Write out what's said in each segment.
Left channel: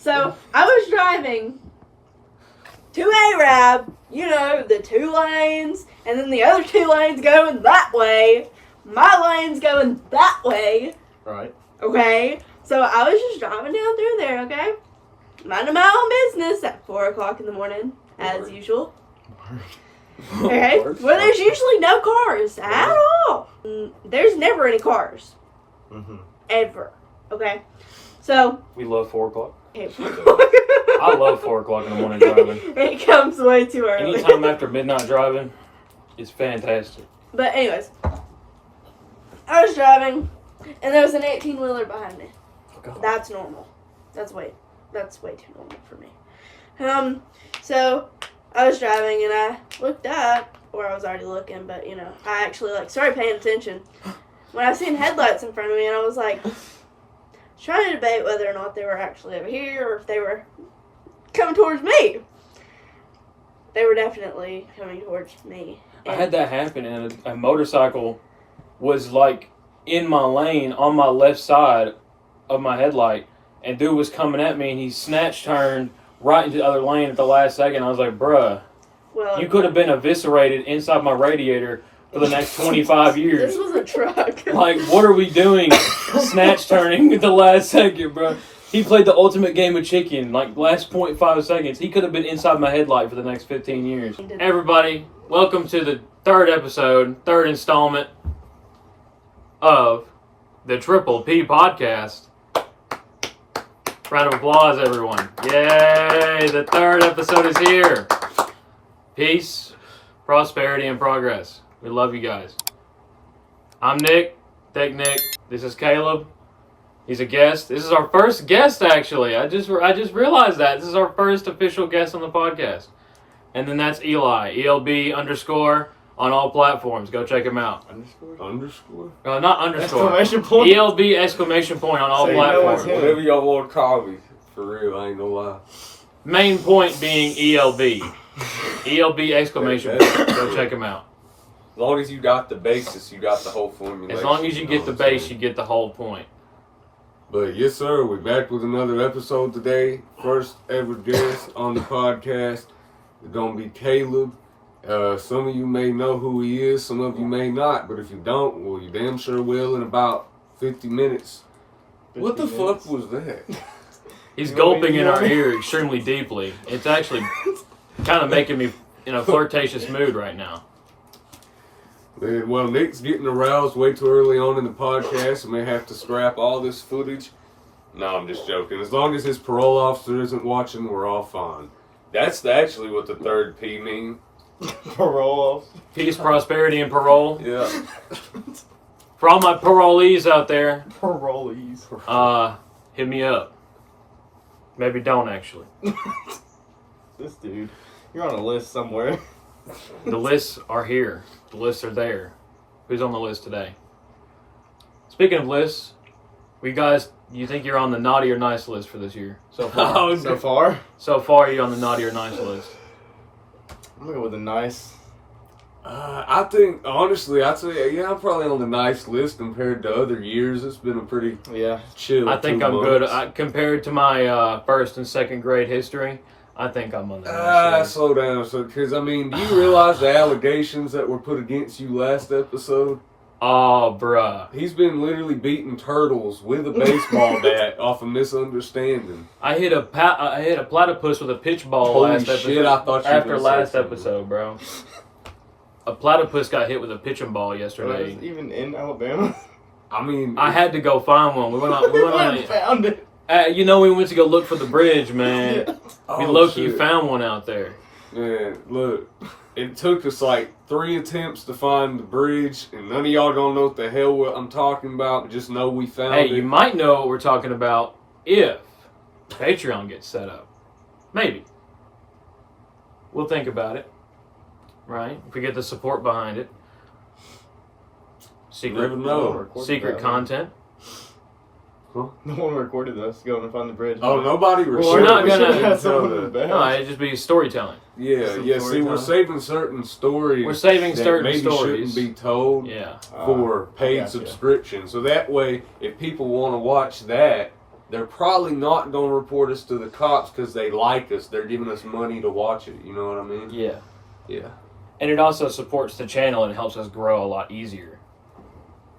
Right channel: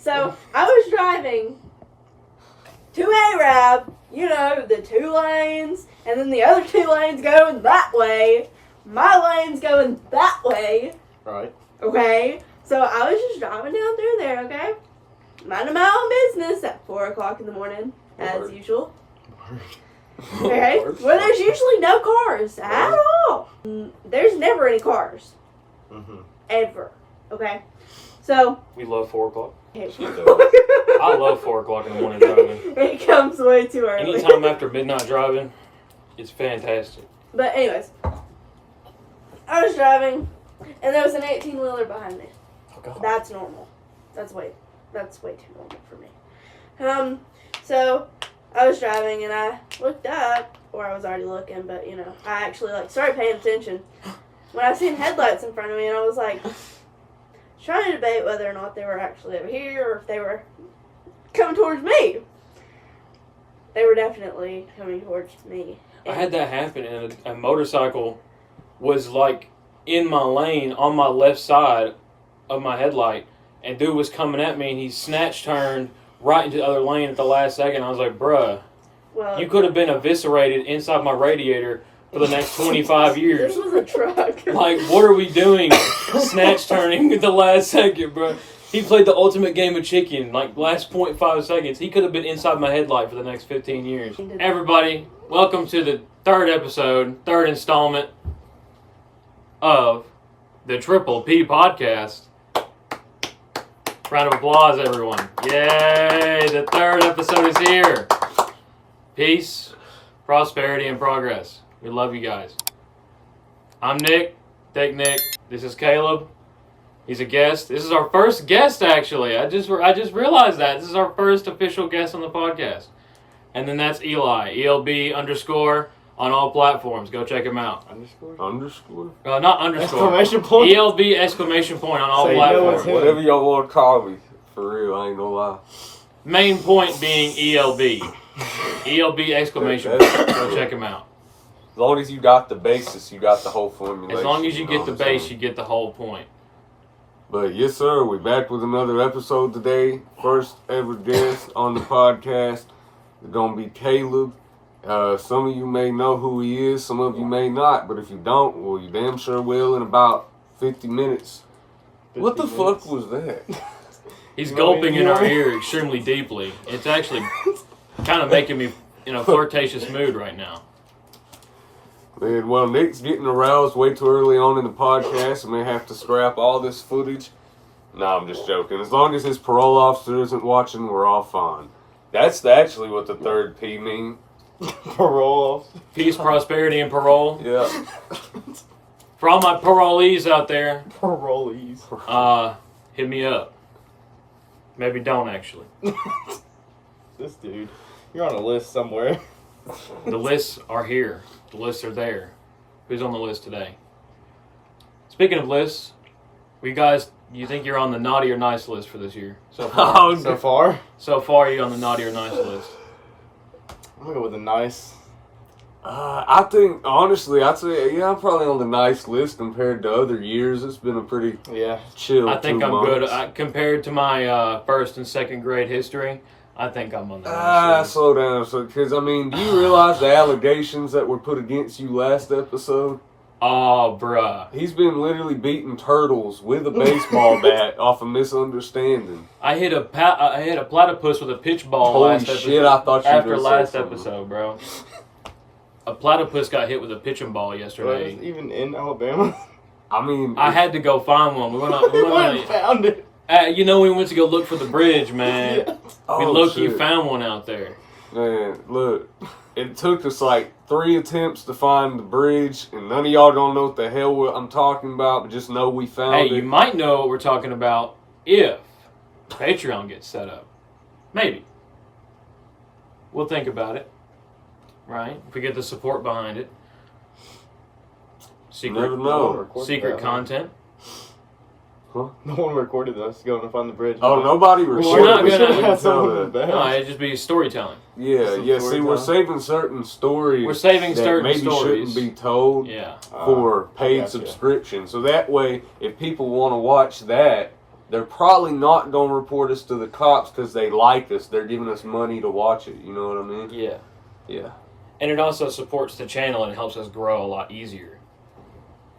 So, I was driving to Arab, the 2 lanes, and then the other 2 lanes going that way. My lane's going that way. Right. Okay? So, I was just driving down through there, okay? Minding my own business at 4 o'clock in the morning, as usual. Okay? Where there's usually no cars at all. There's never any cars. Mm-hmm. Ever. Okay? So. We love 4 o'clock. I hate 4 o'clock. I love 4 o'clock in the morning driving. It comes way too early. Anytime after midnight driving, it's fantastic. But anyways, I was driving, and there was an 18-wheeler behind me. Oh, God. That's normal. That's way too normal for me. So I was driving, and I looked up, or I was already looking, but I actually started paying attention when I seen headlights in front of me, and I was like, trying to debate whether or not they were actually over here or if they were coming towards me. They were definitely coming towards me. I had that happen, and a motorcycle was in my lane on my left side of my headlight, and dude was coming at me, and he snatch turned right into the other lane at the last second. I was like, bruh, you could have been eviscerated inside my radiator for the next 25 years. This was a truck. What are we doing? Snatch turning at the last second, bro. He played the ultimate game of chicken, last 0.5 seconds. He could have been inside my headlight for the next 15 years. Everybody, welcome to the 3rd episode, 3rd installment of the Triple P Podcast. Round of applause, everyone. Yay, the 3rd episode is here. Peace, prosperity, and progress. We love you guys. I'm Nick, Thick Nick. This is Caleb. He's a guest. This is our first guest, actually. I just realized that. This is our first official guest on the podcast. And then that's Eli, ELB_ on all platforms. Go check him out. Underscore? Not underscore. Exclamation point? ELB! On all platforms. Whatever y'all want to call me. For real, I ain't gonna lie. Main point being ELB. ELB! Go check him out. As long as you got the basis, you got the whole formula. As long as you get the base, you get the whole point. But yes, sir, we're back with another episode today. First ever guest on the podcast. It's gonna be Caleb. Some of you may know who he is, some of you may not. But if you don't, well, you damn sure will in about 50 minutes. 50 what the minutes? fuck was that? He's gulping in our ear extremely deeply. It's actually kind of making me in a flirtatious mood right now. Man, well, Nick's getting aroused way too early on in the podcast and may have to scrap all this footage. No, I'm just joking. As long as his parole officer isn't watching, we're all fine. That's actually what the 3rd P means. Parole. Peace, prosperity, and parole. Yeah. For all my parolees out there, Parolees. hit me up. Maybe don't, actually. This dude. You're on a list somewhere. The lists are here. The lists are there. Who's on the list today? Speaking of lists, you think you're on the naughty or nice list for this year? So far? Oh, so far? So far, you're on the naughty or nice list. I'm gonna go with a nice. I think, honestly, I'd say, yeah, I'm probably on the nice list compared to other years. It's been a pretty chill I think 2 I'm months. good. Compared to my 1st and 2nd grade history, I think I'm on the nice list. Slow down. Because, do you realize the allegations that were put against you last episode? Oh, bruh. He's been literally beating turtles with a baseball bat off a misunderstanding. I hit a platypus with a pitch ball Holy last episode. shit, I thought you were after gonna last say something. episode, bro. A platypus got hit with a pitching ball yesterday. Even in Alabama? I had to go find one. We went on found it. we went to go look for the bridge, man. Yeah. We low-key found one out there. Man, look, it took us 3 attempts to find the bridge, and none of y'all don't know what the hell I'm talking about, but just know we found it. Hey, you might know what we're talking about if Patreon gets set up. Maybe. We'll think about it. Right? If we get the support behind it. Never know. Secret content. Huh? No one recorded us going to find the bridge. Oh, nobody we're recorded. not we gonna should have someone in the back. No, it'd just be storytelling. Yeah. See, we're saving certain stories. We're saving that certain maybe stories. shouldn't be told. Yeah. For paid gotcha. subscription. So that way, if people want to watch that, they're probably not going to report us to the cops because they like us. They're giving us money to watch it. You know what I mean? Yeah. Yeah. And it also supports the channel and helps us grow a lot easier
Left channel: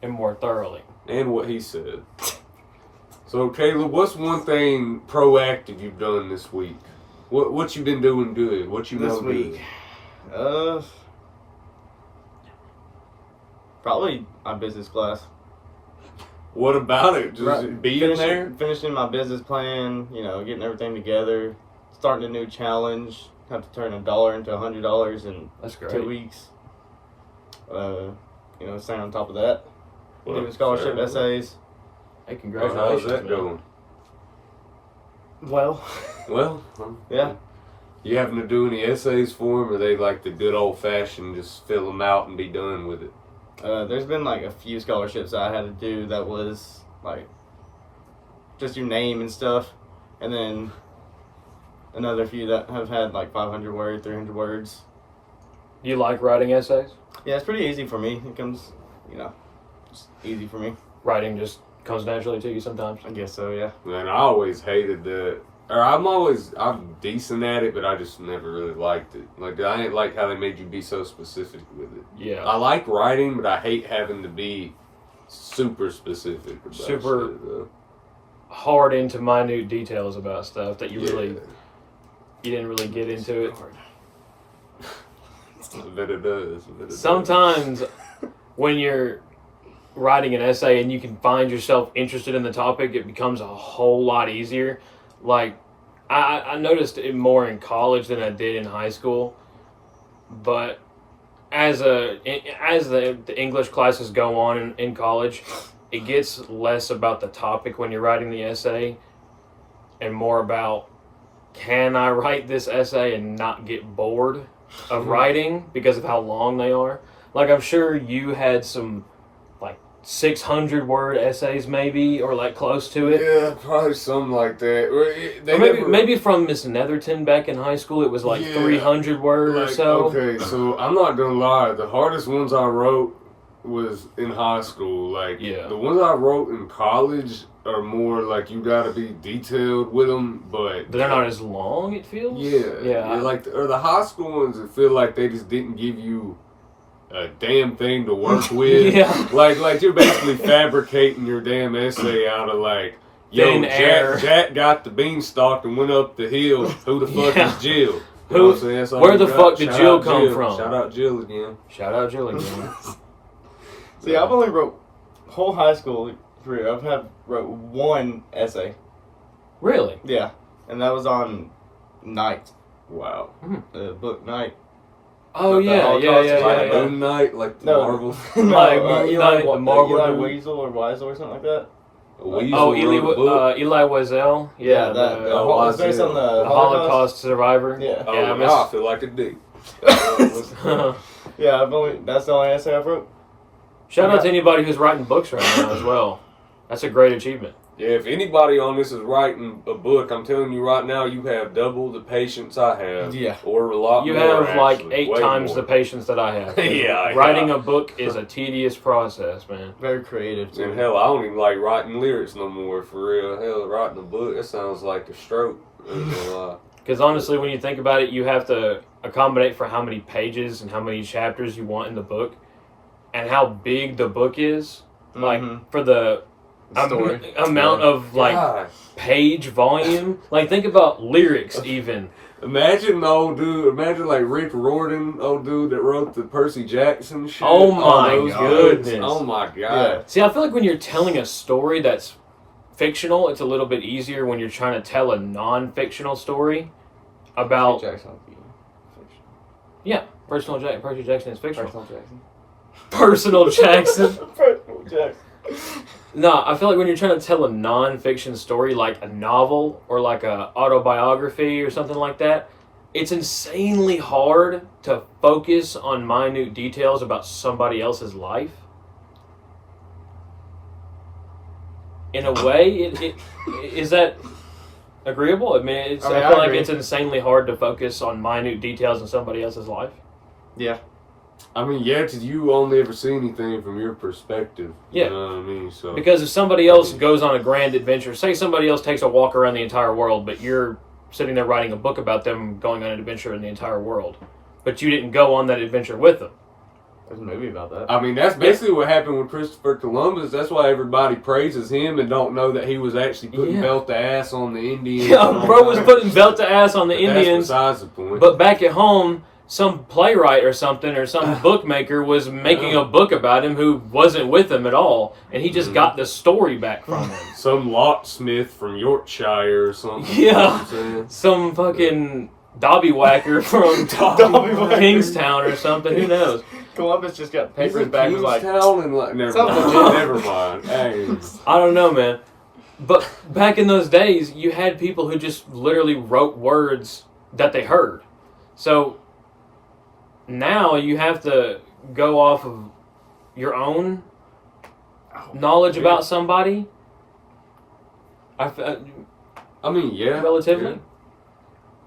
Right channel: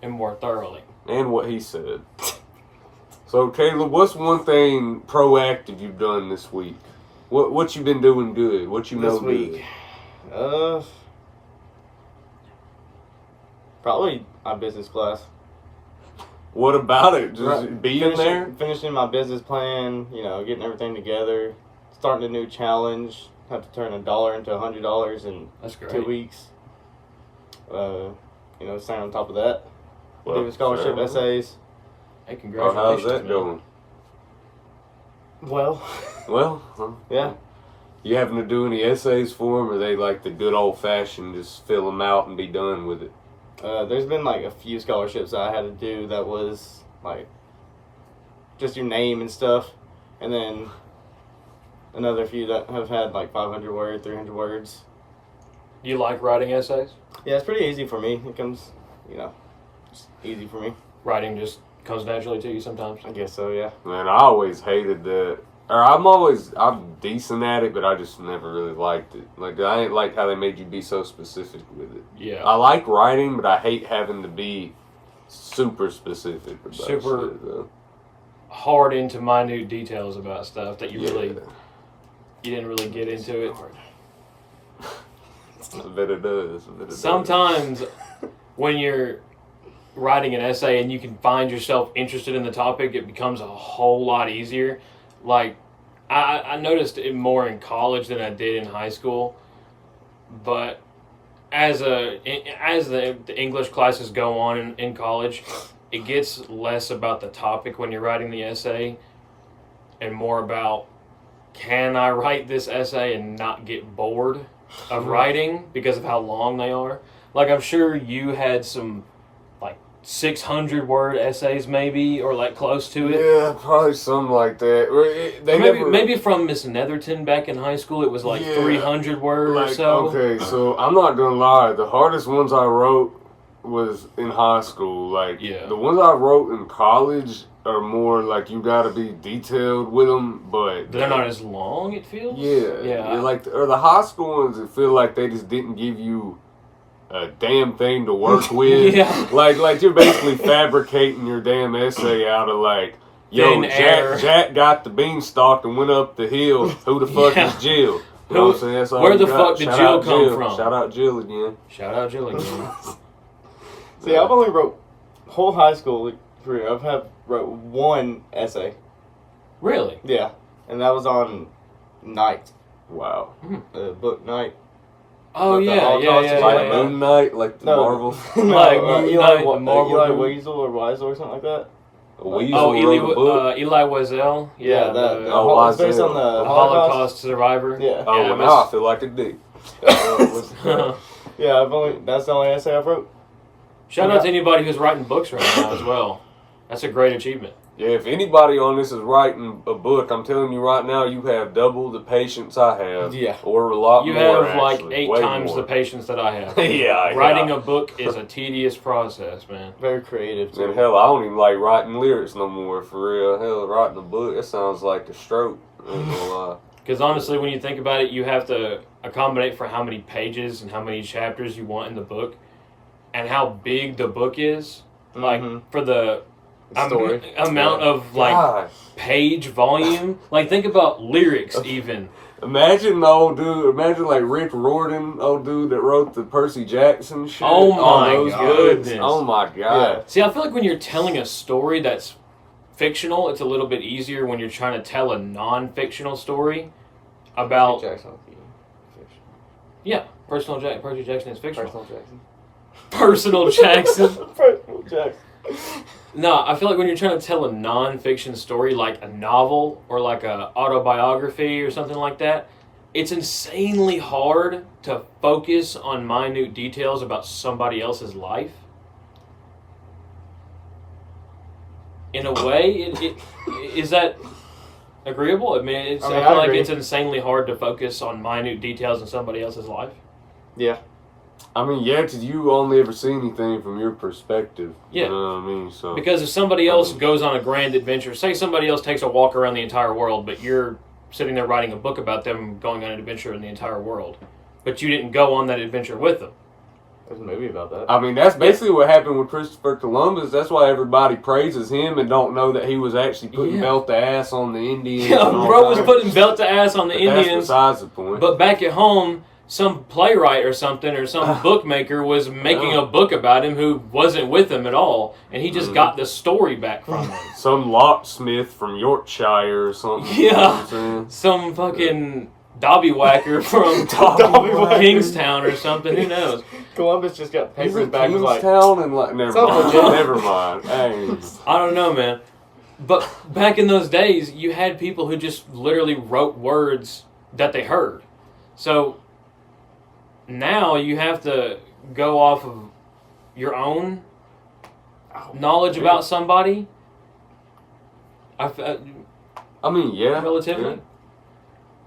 and more thoroughly. And what he said. So, Caleb, what's one thing proactive you've done this week? What you been doing good? What you know This week? Probably my business class. What about it? Just being there? Finishing my business plan, getting everything together, starting a new challenge. Have to turn $1 into $100 in That's great. 2 weeks. Staying on top of that. Well, Doing scholarship fair. essays. Hey, Oh, congratulations. how's that man. going? Well, Well, yeah. You having to do any essays for them, or they like the good old fashioned just fill them out and be done with it? There's been like a few scholarships that I had to do that was like just your name and stuff, and then another few that have had like 500 words, 300 words. You like writing essays? Yeah, it's pretty easy for me. It comes, just easy for me. Writing just comes naturally to you sometimes. I guess so, yeah. Man, I always hated that. Or I'm decent at it, but I just never really liked it. Like, I ain't like how they made you be so specific with it. Yeah. I like writing, but I hate having to be super specific about Super- shit, though. Hard into minute details about stuff that you Yeah. didn't really get into it. I bet it does. I bet it does. Sometimes when you're writing an essay and you can find yourself interested in the topic, it becomes a whole lot easier. Like, I noticed it more in college than I did in high school. But as the English classes go on in college, it gets less about the topic when you're writing the essay and more about, can I write this essay and not get bored of writing because of how long they are? Like, I'm sure you had some 600 word essays maybe, or like close to it. Yeah, probably something like that. Or maybe from Miss Netherton back in high school, it was like 300 words or so. Okay, so I'm not gonna lie. The hardest ones I wrote was in high school. Like, the ones I wrote in college are more like you gotta be detailed with them, but They're not as long, it feels. Yeah. Like, or the high school ones, it feel like they just didn't give you a damn thing to work with. Yeah. Like you're basically fabricating your damn essay out of like, yo, Jack got the beanstalk and went up the hill. Who the fuck is Jill? You know what I'm saying? That's all Where you the got. fuck did Shout Jill out come from? Shout out Jill again. Shout out Jill again. See, I've only wrote whole high school career. Wrote one essay. Really? Yeah, and that was on Night. Wow. Book Night. Oh Like the yeah. Holocaust Like Moon Knight, like the Marvel. Like Moon Knight, Eli Weasel or Weisel or something like that. A weasel Oh, wrote a book. Eli Wiesel. Yeah, it's based on the Holocaust survivor. Yeah. Oh, Yeah, now I feel like a dick. Yeah, that's the only essay I've wrote. Shout out to anybody who's writing books right now as well. That's a great achievement. Yeah, if anybody on this is writing a book, I'm telling you right now, you have double the patience I have. Yeah. Or a lot You more, have like actually. 8 Way times more. the patience that I have. Yeah. Writing a book is a tedious process, man. Very creative Man, too. hell, I don't even like writing lyrics no more, for real. Hell, writing a book, that sounds like a stroke. I ain't gonna lie. Because honestly, when you think about it, you have to accommodate for how many pages and how many chapters you want in the book, and how big the book is. Like, for the Story. amount of like Gosh. page volume. Like, think about lyrics even. Imagine the old dude, imagine like Rick Riordan, old dude that wrote the Percy Jackson shit. Oh All my those goodness. books. Oh my god. Yeah. See, I feel like when you're telling a story that's fictional, it's a little bit easier when you're trying to tell a non-fictional story about... Jackson would be fiction. Yeah, Percy Jackson is fictional. Personal Jackson. Personal Jackson. Personal Jackson. No, I feel like when you're trying to tell a non-fiction story, like a novel or like a autobiography or something like that, it's insanely hard to focus on minute details about somebody else's life. In a way, is that agreeable? I mean, I feel like agree. it's insanely hard to focus on minute details in somebody else's life. Yeah. I mean, yeah, because you only ever see anything from your perspective. Yeah. You know what I mean? So Because if somebody else goes on a grand adventure, say somebody else takes a walk around the entire world, but you're sitting there writing a book about them going on an adventure in the entire world, but you didn't go on that adventure with them. There's a movie about that. I mean, that's basically what happened with Christopher Columbus. That's why everybody praises him and don't know that he was actually putting belt to ass on the Indians. Yeah, bro was putting belt to ass on the Indians. That's besides the point. But back at home, some playwright or something or some bookmaker was making a book about him who wasn't with him at all, and he just got the story back from him. Some locksmith from Yorkshire or something. Yeah. You know what I'm saying? Some fucking Dobby Whacker from Kingstown or something. Who knows? Columbus just got He's papers in back was like, Kingstown and like, never Sounds mind. legit. Never mind. Hey. I don't know, man. But back in those days, you had people who just literally wrote words that they heard. So now you have to go off of your own knowledge about somebody. I mean, yeah. Relatively. Yeah.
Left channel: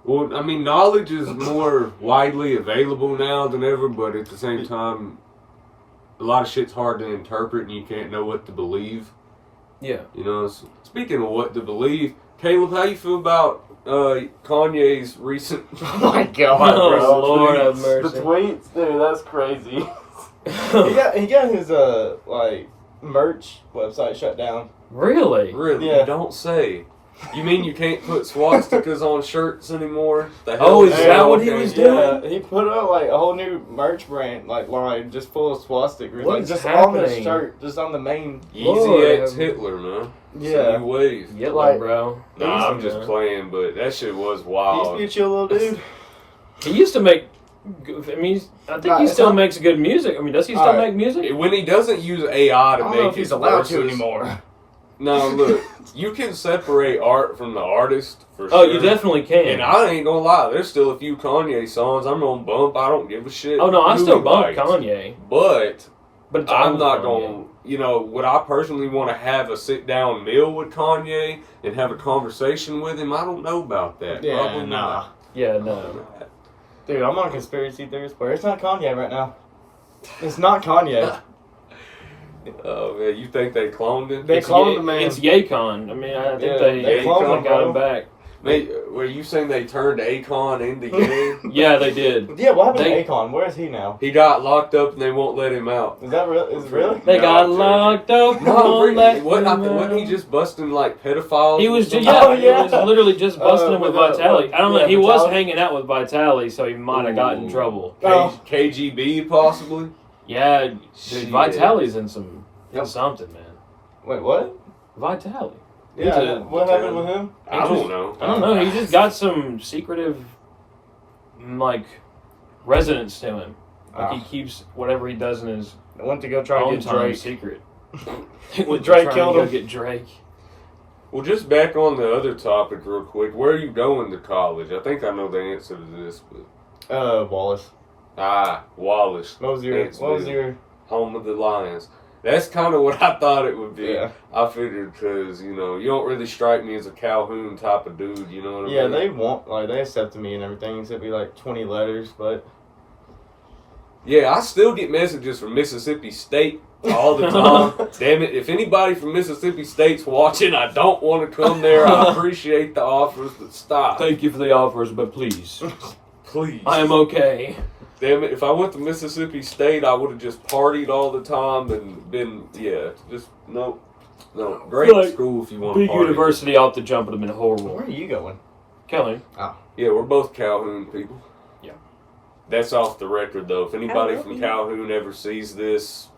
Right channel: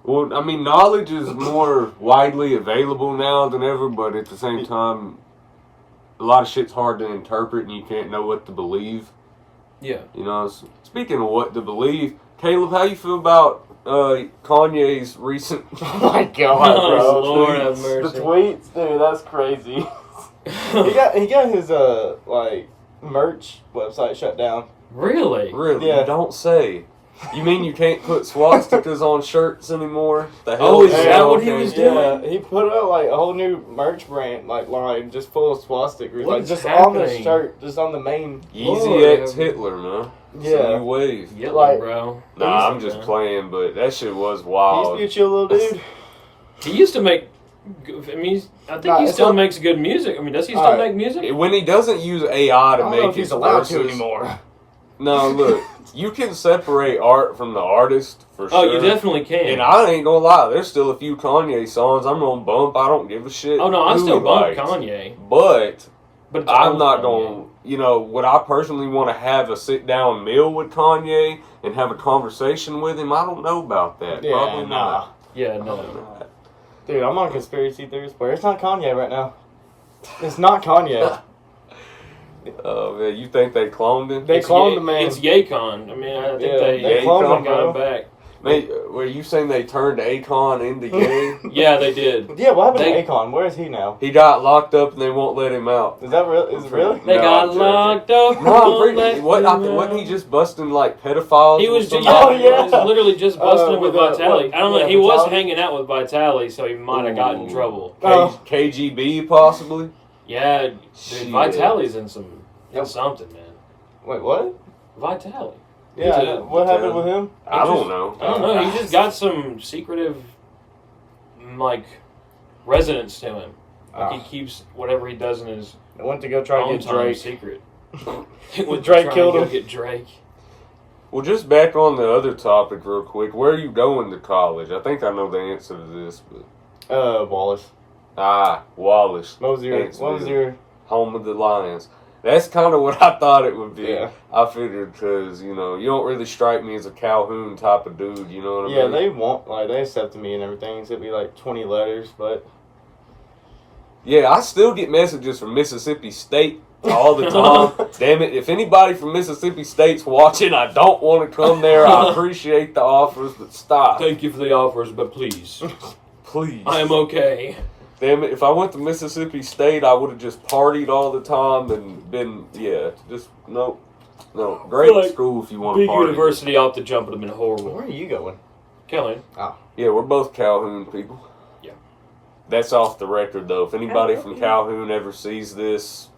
Well, I mean, knowledge is more widely available now than ever, but at the same time, a lot of shit's hard to interpret and you can't know what to believe. Yeah. You know, speaking of what to believe, Caleb, how you feel about Kanye's recent... oh my god, Oh, bro. Lord have The mercy. tweets, dude, that's crazy. he got his merch website shut down. Really? Really? Yeah. Don't say. You mean you can't put swastikas on shirts anymore? The Oh, hell is that what he was doing? Yeah, he put out like a whole new merch brand line just full of swastikas. What Like is just on the happening? shirt, just on the main. Easy Lord. X Hitler, man. Yeah. New ways. Yeah, Like- bro. Nah, I'm Easy, just man. playing, but that shit was He wild. used to be a chill little dude. He used to make. I mean, I think Nah, he it's still not- makes good music. I mean, does he still Alright. make music? When he doesn't use AI I to don't make know if his he's allowed to verses- anymore. No, look, you can separate art from the artist for Oh, sure. you definitely can. And I ain't gonna lie, there's still a few Kanye songs I'm gonna bump. I don't give a shit. Oh no, I who still he bump writes. Kanye, But but it's I'm old not Kanye. going, you know, would I personally want to have a sit down meal with Kanye and have a conversation with him? I don't know about that. Yeah, Probably nah. not. Yeah, Probably no. not. Dude, I'm on conspiracy theories, but it's not Kanye right now. It's not Kanye. Oh, man, you think they cloned him? They It's cloned the man. It's Yacon. I mean, I think Yeah, they they cloned him, got bro. him back. Mate, were you saying they turned Akon into gay? Yeah, they did. Yeah, what happened They- to Akon? Where is he now? He got locked up and they won't let him out. Is that real? Is it really? They No, got I'm joking. locked up. No, won't let wasn't he them just busting like pedophiles? He or was something? just, Oh, he yeah. was literally just busting him with with, Vitali. I don't know. yeah, He was Vitali? hanging out with Vitali, so he might have gotten in Ooh. trouble. Oh. KGB possibly. Yeah, dude, Shit. Vitali's in some Yep. something, man. Wait, what? Vitali. Yeah, He's a- what happened with him? I don't know. I don't know. He just got some secretive, like, resonance to him. Like he keeps whatever he does in his I went to go try own to get time Drake. secret. He went to Drake try and killed go him. Get Drake. Well, just back on the other topic real quick. Where are you going to college? I think I know the answer to this, but Wallace. Wallace, What was your? Thanks, What was man. your? home of the Lions. That's kind of what I thought it would be. Yeah. I figured because you don't really strike me as a Calhoun type of dude. You know what I Yeah, mean? they want they accepted me and everything. It sent me like 20 letters, but Yeah, I still get messages from Mississippi State all the time. Damn it. If anybody from Mississippi State's watching, I don't want to come there. I appreciate the offers, but stop. Thank you for the offers, but please, Please. I am okay. Damn it. If I went to Mississippi State, I would have just partied all the time and been, no. Great Like, school if you want to Big party. university off the jump would have been horrible. where are you going? Kelly. Yeah, we're both Calhoun people. Yeah. That's off the record, though. If anybody from Calhoun ever sees this,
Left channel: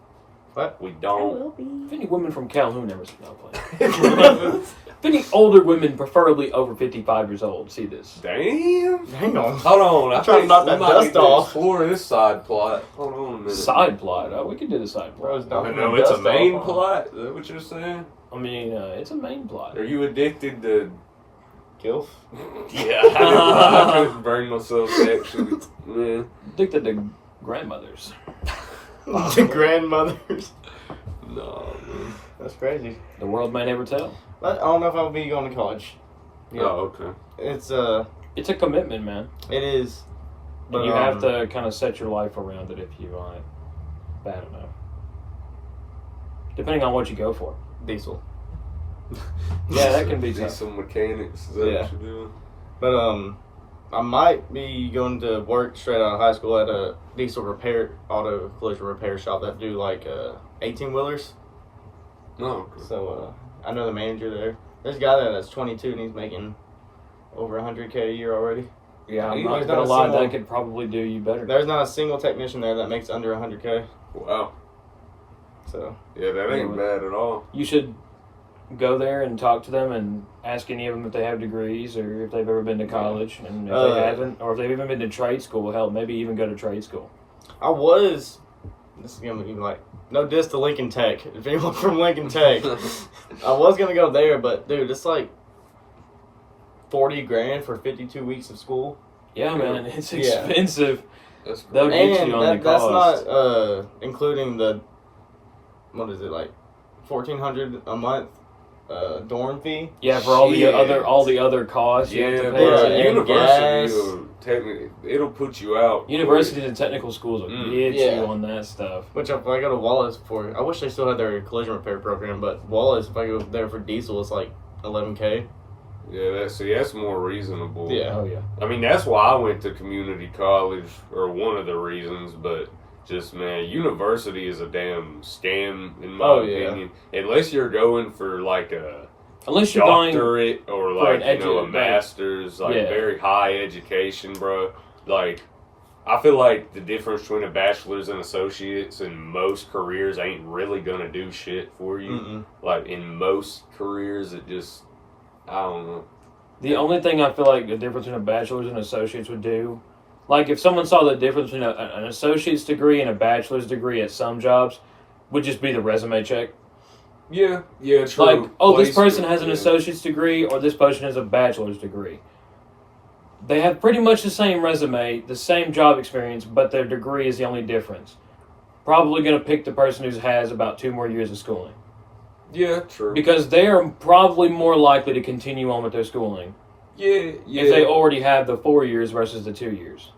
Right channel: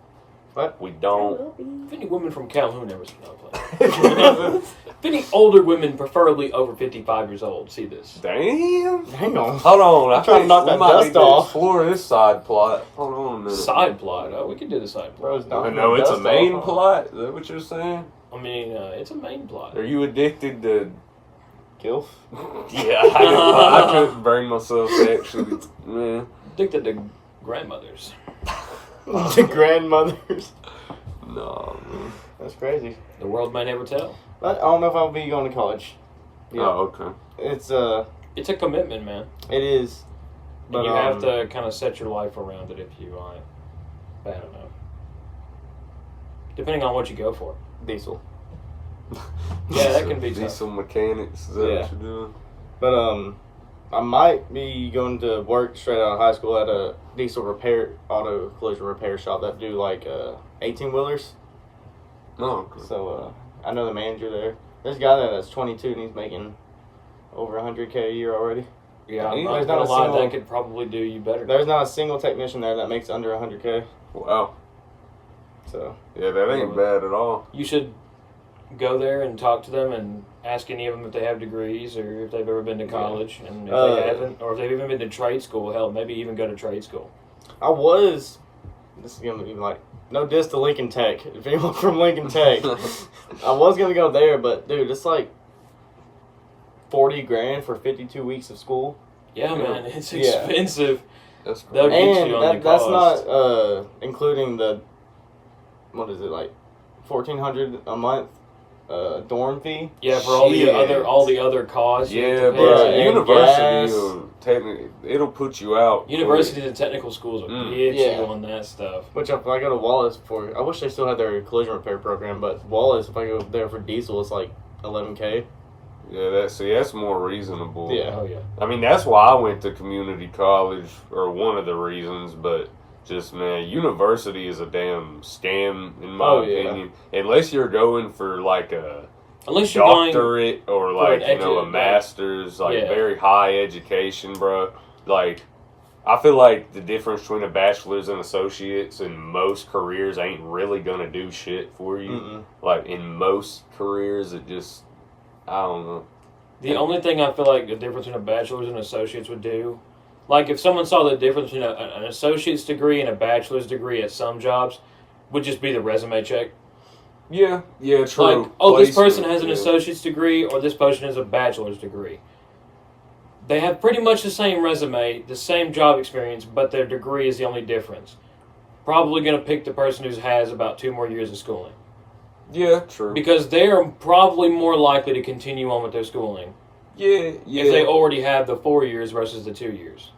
What? we I don't. will be. If any women from Calhoun ever see, no, I'm playing. If any older women, preferably over 55 years old, see this. Damn. Hang on. Hold on. I I'm trying to think knock we that might dust need to off. explore this side plot. Hold on a minute. Side plot. Oh, we can do the side plot. Bro's I knocking know the it's a dust main off, huh? plot. Is that what you're saying? I mean, it's a main plot. Are you addicted to... Gilf? Yeah, I couldn't bring myself to actually... Man. Addicted to grandmothers. The grandmothers. No, man. That's crazy. The world may never tell. But I don't know if I'll be going to college. Yeah. Oh, okay. It's It's a commitment, man. it is. But you have to kind of set your life around it if you want. I don't know. Depending on what you go for. diesel. Yeah, that can be tough. Diesel mechanics. Is that Yeah. what you're doing? But I might be going to work straight out of high school at a diesel auto collision repair shop that do like 18-wheelers. No. So I know the manager there. There's a guy there that's 22 and he's making over 100K a year already. Yeah, I'm There's not not gonna a lie, single- that could probably do you better. There's not a single technician there that makes under 100K. Wow. So Yeah, that ain't bad at all. You should go there and talk to them and ask any of them if they have degrees or if they've ever been to college. And if they haven't, or if they've even been to trade school, hell, maybe even go to trade school. this is going to be like, no diss to Lincoln Tech. If anyone from Lincoln Tech, I was going to go there, but dude, it's like $40,000 for 52 weeks of school. Yeah, man, it's Yeah. expensive. That's They'll great. get And you on the that's cost. not including the, what is it, like $1,400 a month dorm fee. Yeah, for all the Shit. other costs. you have Yeah, to but pay. Yeah, and university gas. will it'll put you out. Universities and technical schools will get Yeah. you on that stuff. Which if I go to Wallace I wish they still had their collision repair program, but Wallace, if I go there for diesel, it's like 11K. Yeah, that's more reasonable. Yeah. Oh yeah. I mean, that's why I went to community college, or one of the reasons, but just, man, university is a damn scam, in my opinion. Unless you're going for, like, a Unless you're going doctorate or, for like, an a master's, like, yeah. very high education, bro. Like, I feel like the difference between a bachelor's and associates in most careers ain't really gonna do shit for you. Mm-mm. Like, in most careers, it just, I don't know. The only thing I feel like the difference in a bachelor's and associates would do, like if someone saw the difference between an associate's degree and a bachelor's degree at some jobs, would just be the resume check. Yeah, true. Like, oh, this person Placement, has an yeah. associate's degree or this person has a bachelor's degree. They have pretty much the same resume, the same job experience, but their degree is the only difference. Probably going to pick the person who has about 2 more years of schooling. Yeah, true. Because they're probably more likely to continue on with their schooling Yeah. if they already have the 4 years versus the 2 years.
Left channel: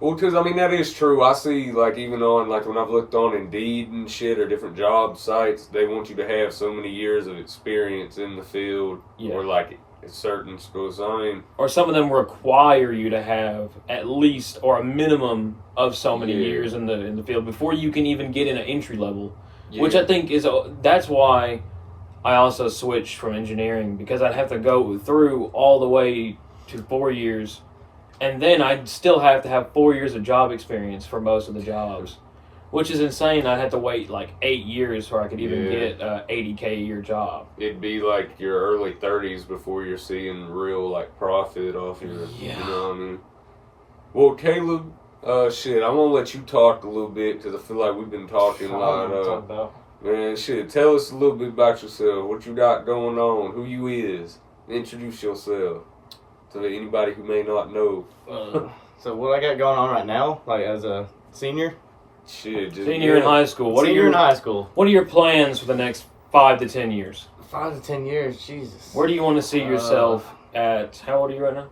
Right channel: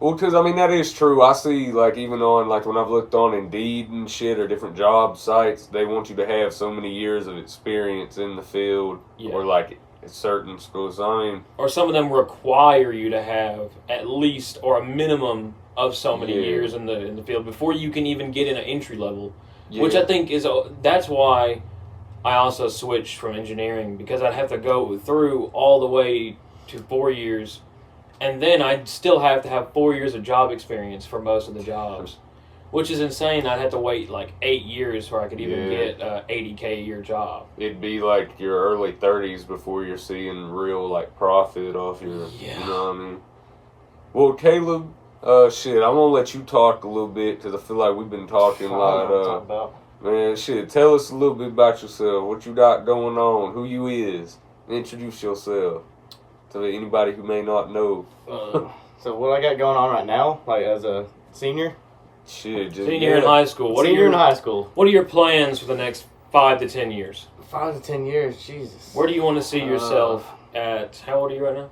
Well, because, I mean, that is true. I see, like, even on, like, when I've looked on Indeed and shit or different job sites, they want you to have so many years of experience in the field Yeah. or, like, at certain schools. I mean, Or some of them require you to have at least or a minimum of so many Yeah. years in the field before you can even get in an entry level. yeah. Which I think that's why I also switched from engineering, because I'd have to go through all the way to 4 years, and then I'd still have to have 4 years of job experience for most of the jobs, which is insane. I'd have to wait like 8 years before I could even Yeah. get a $80K a year job. It'd be, like, your early 30s before you're seeing real, like, profit off your, Yeah. you know what I mean? Well, Caleb, shit, I'm going to let you talk a little bit because I feel like we've been talking a I lot. don't know what to talk about. Man, shit, tell us a little bit about yourself, what you got going on, who you is. Introduce yourself to anybody who may not know. So what I got going on right now, like as a senior? Shit, just, Senior in high school. Senior in high school. What are your plans for the next 5 to 10 years? 5 to 10 years, Jesus. Where do you want to see yourself at? How old are you right now?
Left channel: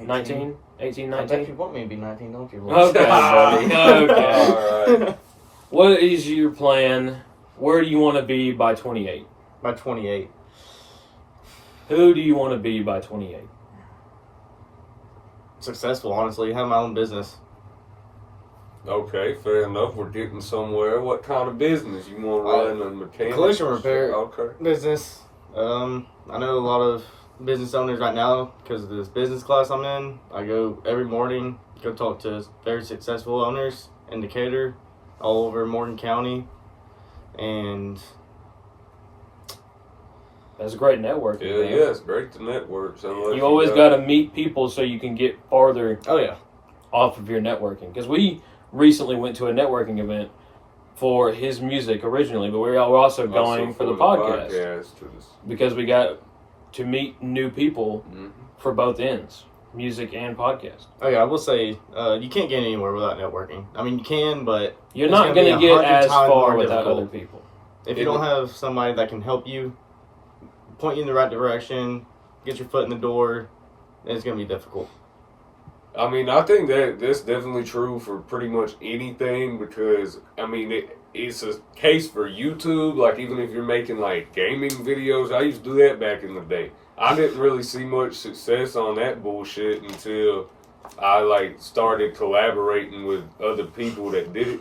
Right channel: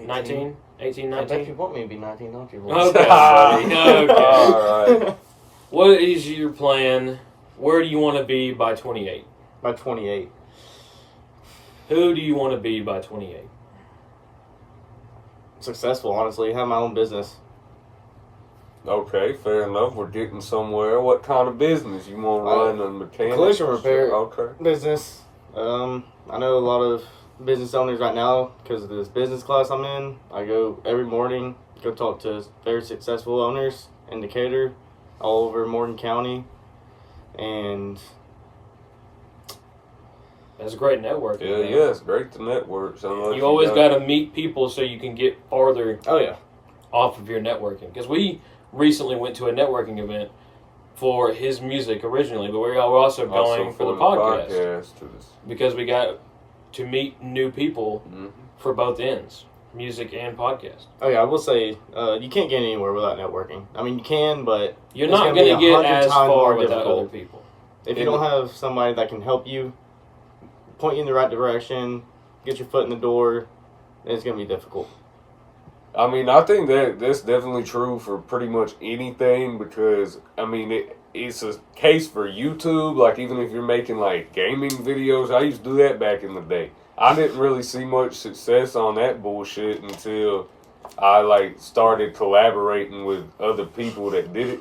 19? 18, I bet 19? you want me to be 19, don't you? Okay, buddy. Okay. Alright. What is your plan? Where do you want to be by 28? By 28. Who do you want to be by 28? Successful, honestly. Have my own business. Okay, fair enough. We're getting somewhere. What kind of business? You want to run a mechanic? Collision repair. Okay. Business. I know a lot of business owners right now because of this business class I'm in. I go every morning, go talk to very successful owners in Decatur, all over Morgan County, and That's great networking. Yeah, man. yeah, it's great to network. So You always got to meet people so you can get farther oh yeah, off of your networking. Because we recently went to a networking event for his music originally, but we're also going for the podcast. Because we got to meet new people for both ends, music and podcast. oh yeah. I will say you can't get anywhere without networking. I mean, you can, but You're it's not gonna be going to get 100 as times far more without difficult. other people. If you don't have somebody that can help you, point you in the right direction, get your foot in the door, it's going to be difficult. I mean, I think that's definitely true for pretty much anything because, I mean, it's a case for YouTube. Like, even if you're making, like, gaming videos, I used to do that back in the day. I didn't really see much success on that bullshit until I, like, started collaborating with other people that did it.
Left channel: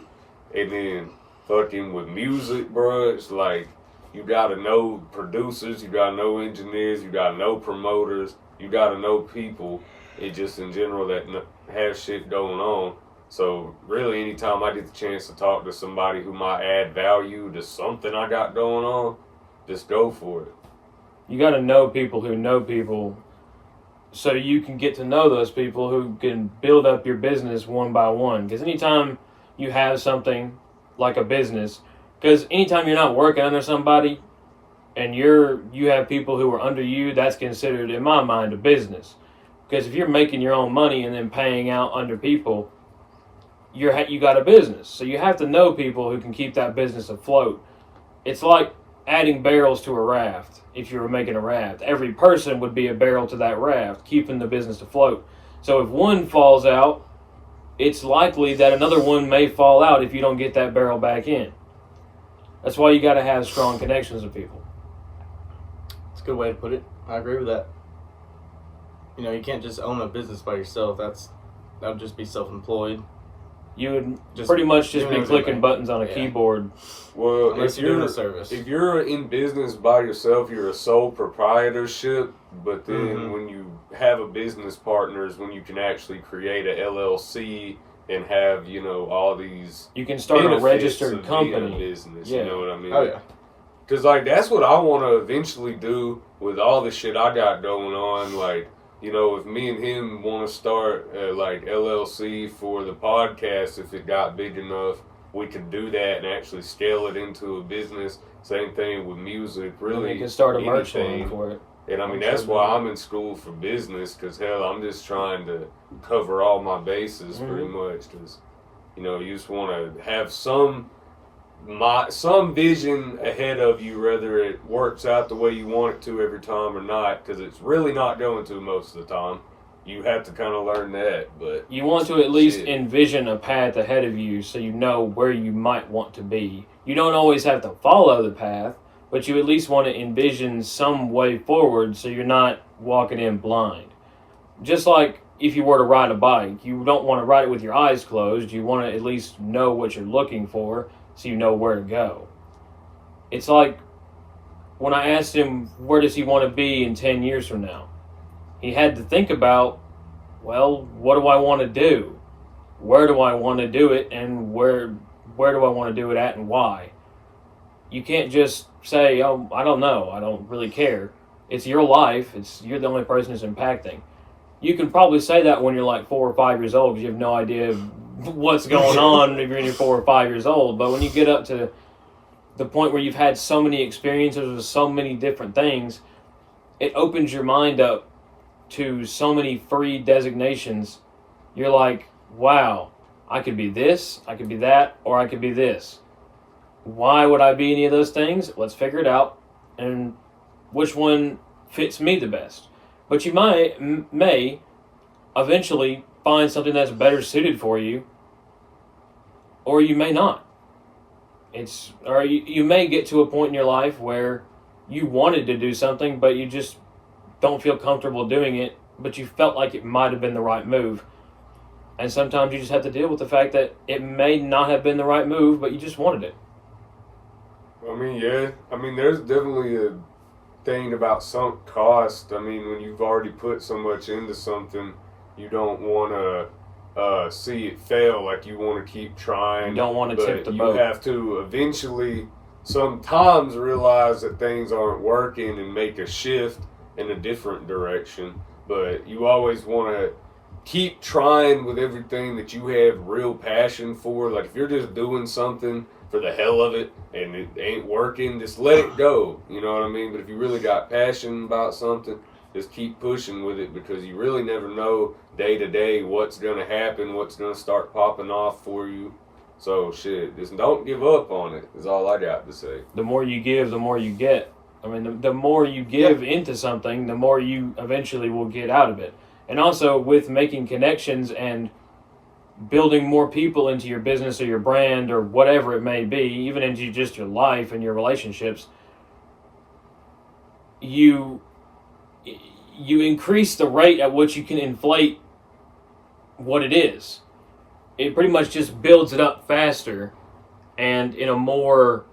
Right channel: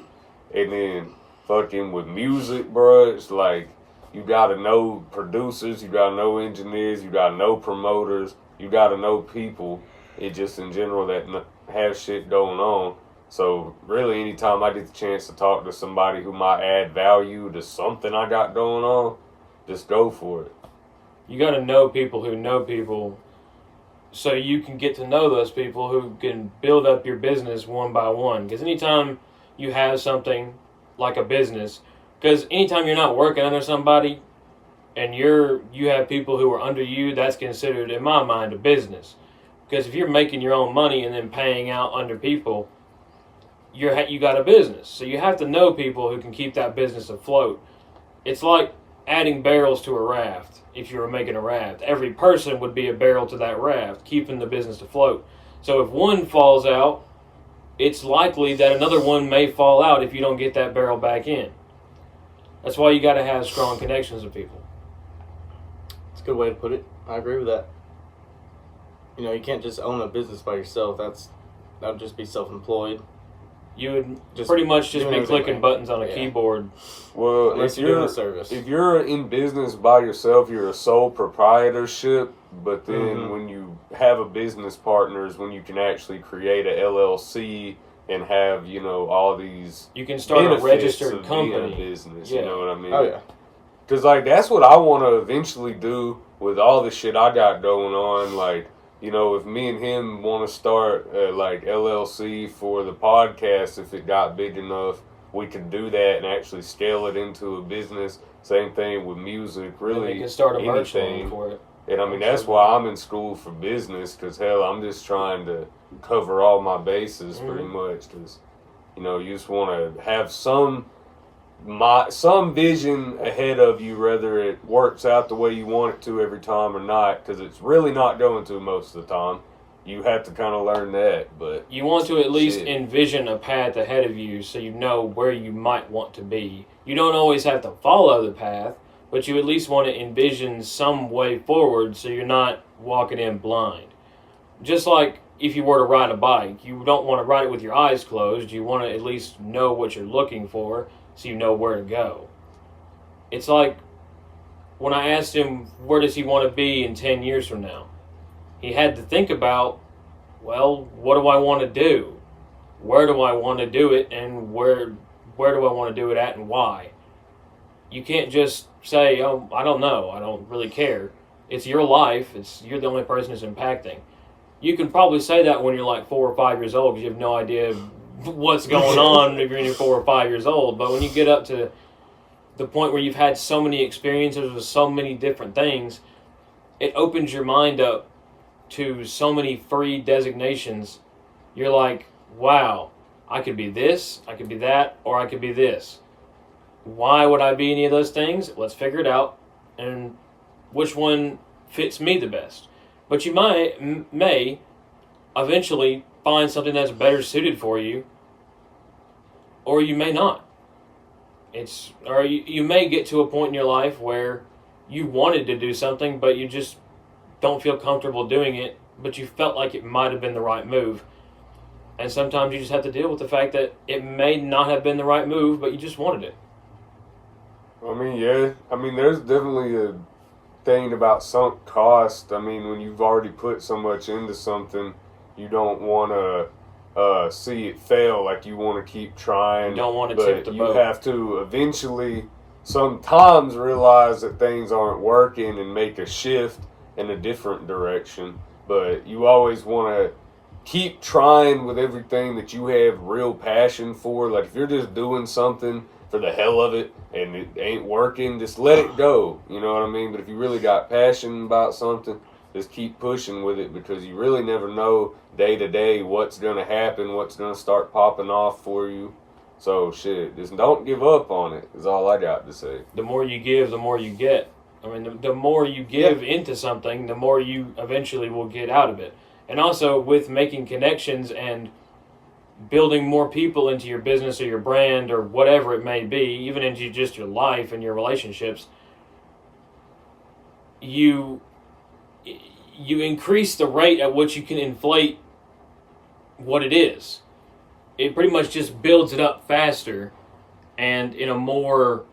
And then fucking with music, bro, it's like, you gotta know producers, you gotta know engineers, you gotta know promoters, you gotta know people. It just in general that has shit going on. So really, anytime I get the chance to talk to somebody who might add value to something I got going on, just go for it. You got to know people who know people, so you can get to know those people who can build up your business one by one. Because anytime you have something like a business, because anytime you're not working under somebody, and you have people who are under you, that's considered, in my mind, a business. Because if you're making your own money and then paying out under people, you got a business. So you have to know people who can keep that business afloat. It's like adding barrels to a raft. If you were making a raft, every person would be a barrel to that raft, keeping the business afloat. So if one falls out, it's likely that another one may fall out if you don't get that barrel back in. That's why you got to have strong connections with people. That's a good way to put it. I agree with that. You know, you can't just own a business by yourself. That would just be self-employed. You would pretty much just be clicking buttons on a keyboard. Well, unless you're doing a service. If you're in business by yourself, you're a sole proprietorship. But then when you have a business partner is when you can actually create a LLC and have, you know, all these. You can start a registered company. Business, you know what I mean? Oh, yeah. Because, like, that's what I want to eventually do with all the shit I got going on. Like, you know, if me and him want to start like LLC for the podcast, if it got big enough, we could do that and actually scale it into a business. Same thing with music. Really, you can start a merch line for it. And I mean, that's why I'm in school for business, because hell, I'm just trying to cover all my bases pretty much. Because, you know, you just want to have some vision ahead of you, whether it works out the way you want it to every time or not, because it's really not going to most of the time. You have to kind of learn that, but you want to at least envision a path ahead of you so you know where you might want to be. You don't always have to follow the path, but you at least want to envision some way forward so you're not walking in blind. Just like if you were to ride a bike, you don't want to ride it with your eyes closed. You want to at least know what you're looking for, so you know where to go. It's like when I asked him where does he want to be in 10 years from now, he had to think about, well, what do I want to do? Where do I want to do it, and where do I want to do it at, and why? You can't just say, oh, I don't know, I don't really care. It's your life. You're the only person it's impacting. You can probably say that when you're like 4 or 5 years old because you have no idea what's going on if you're in your 4 or 5 years old. But when you get up to the point where you've had so many experiences with so many different things, it opens your mind up to so many free designations. You're like, wow, I could be this, I could be that, or I could be this. Why would I be any of those things? Let's figure it out, and which one fits me the best. But you may eventually find something that's better suited for you, or you may not. You may get to a point in your life where you wanted to do something, but you just don't feel comfortable doing it, but you felt like it might have been the right move. And sometimes you just have to deal with the fact that it may not have been the right move, but you just wanted it. I mean, yeah. I mean, there's definitely a thing about sunk cost. I mean, when you've already put so much into something, you don't want to see it fail. Like, you want to keep trying. You don't want to tip the boat. You have to eventually sometimes realize that things aren't working and make a shift in a different direction. But you always want to keep trying with everything that you have real passion for. Like, if you're just doing something for the hell of it and it ain't working, just let it go. You know what I mean? But if you really got passion about something, just keep pushing with it, because you really never know day to day what's going to happen, what's going to start popping off for you. So, shit, just don't give up on it is all I got to say. The more you give, the more you get. I mean, the more you give into something, the more you eventually will get out of it. And also with making connections and building more people into your business or your brand or whatever it may be, even into just your life and your relationships, you increase the rate at which you can inflate what it is. It pretty much just builds it up faster and in a more,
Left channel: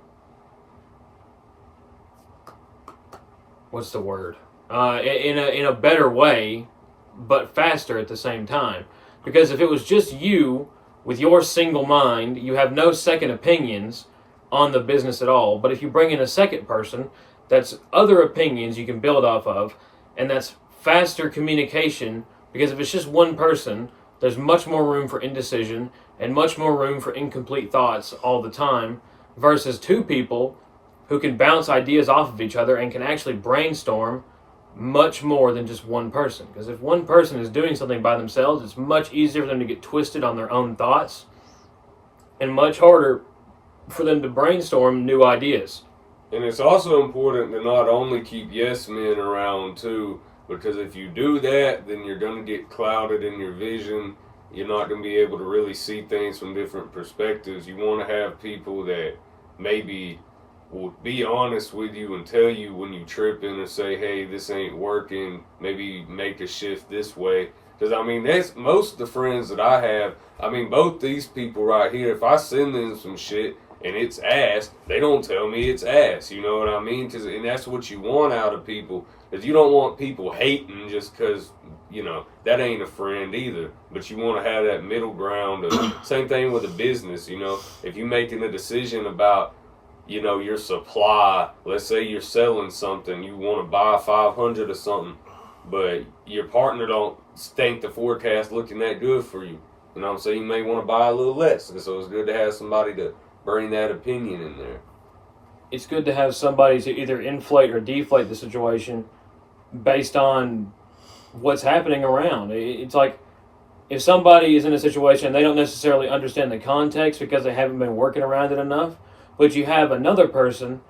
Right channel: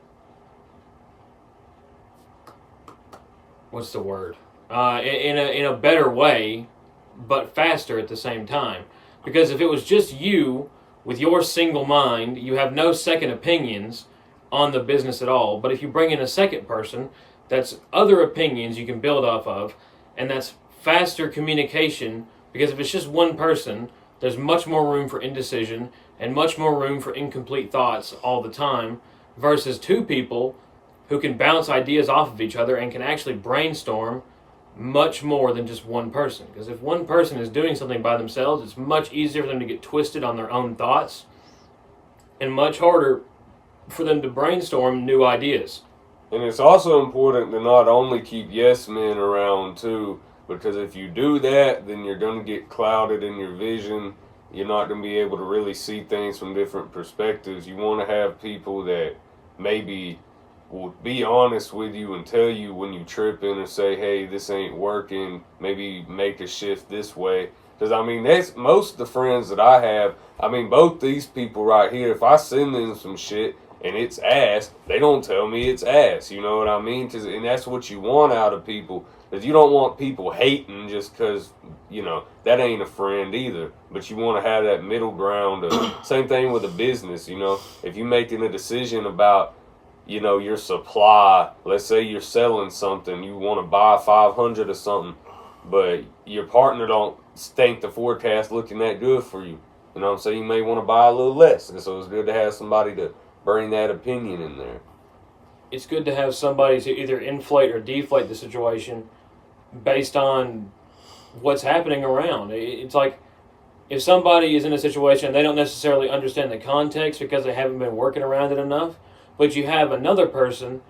what's the word? In a better way, but faster at the same time. Because if it was just you with your single mind, you have no second opinions on the business at all. But if you bring in a second person, that's other opinions you can build off of, and that's faster communication. Because if it's just one person, there's much more room for indecision and much more room for incomplete thoughts all the time, versus two people who can bounce ideas off of each other and can actually brainstorm much more than just one person. Because if one person is doing something by themselves, it's much easier for them to get twisted on their own thoughts and much harder for them to brainstorm new ideas. And it's also important to not only keep yes men around too, because if you do that, then you're going to get clouded in your vision. You're not going to be able to really see things from different perspectives. You want to have people that maybe will be honest with you and tell you when you tripping and say, hey, this ain't working, maybe make a shift this way. Because, I mean, that's most of the friends that I have, I mean, both these people right here, if I send them some shit and it's ass, they don't tell me it's ass, you know what I mean? And that's what you want out of people. Because you don't want people hating just because, you know, that ain't a friend either. But you want to have that middle ground. Same thing with a business, you know. If you're making a decision about, you know, your supply, let's say you're selling something, you want to buy 500 or something, but your partner don't think the forecast looking that good for you. You know what I'm saying? You may want to buy a little less. And so it's good to have somebody to bring that opinion in there. It's good to have somebody to either inflate or deflate the situation based on what's happening around. It's like if somebody is in a situation and they don't necessarily understand the context because they haven't been working around it enough, but you have another person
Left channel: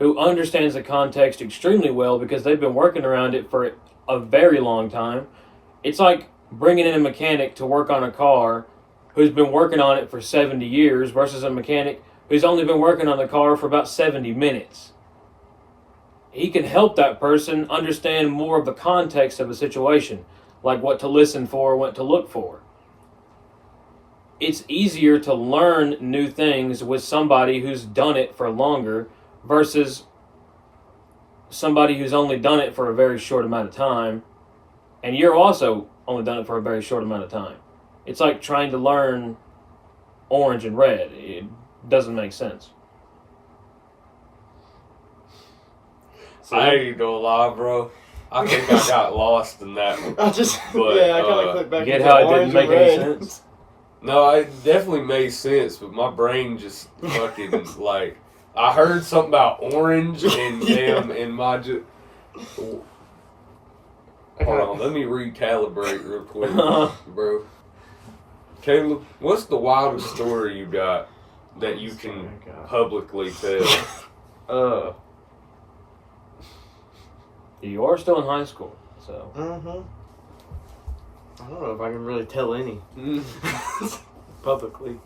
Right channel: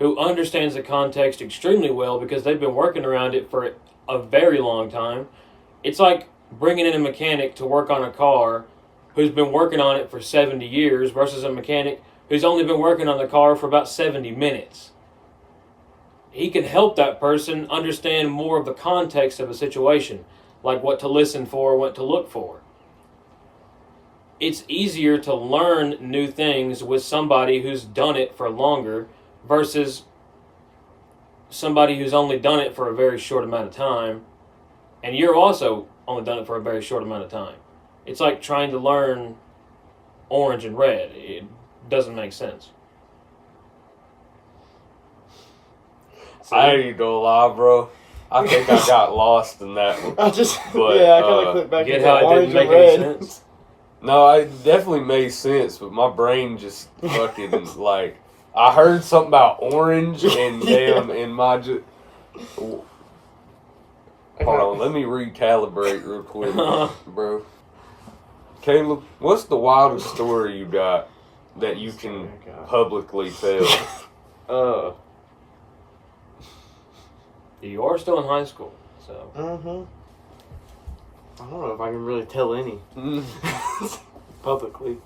who understands the context extremely well because they've been working around it for a very long time. It's like bringing in a mechanic to work on a car who's been working on it for 70 years versus a mechanic who's only been working on the car for about 70 minutes. He can help that person understand more of the context of a situation, like what to listen for, what to look for. It's easier to learn new things with somebody who's done it for longer versus somebody who's only done it for a very short amount of time, and you're also only done it for a very short amount of time. It's like trying to learn orange and red. It doesn't make sense. I ain't gonna lie, bro. I think I got lost in that one. I kind of clicked back Get into how it orange didn't make and any red. sense? No, it definitely made sense, but my brain just fucking, like, I heard something about orange and damn, and my just... Hold on, let me recalibrate real quick, bro. Caleb, what's the wildest story you got that you can publicly tell? You are still in high school, so... I don't know if I can really tell any publicly.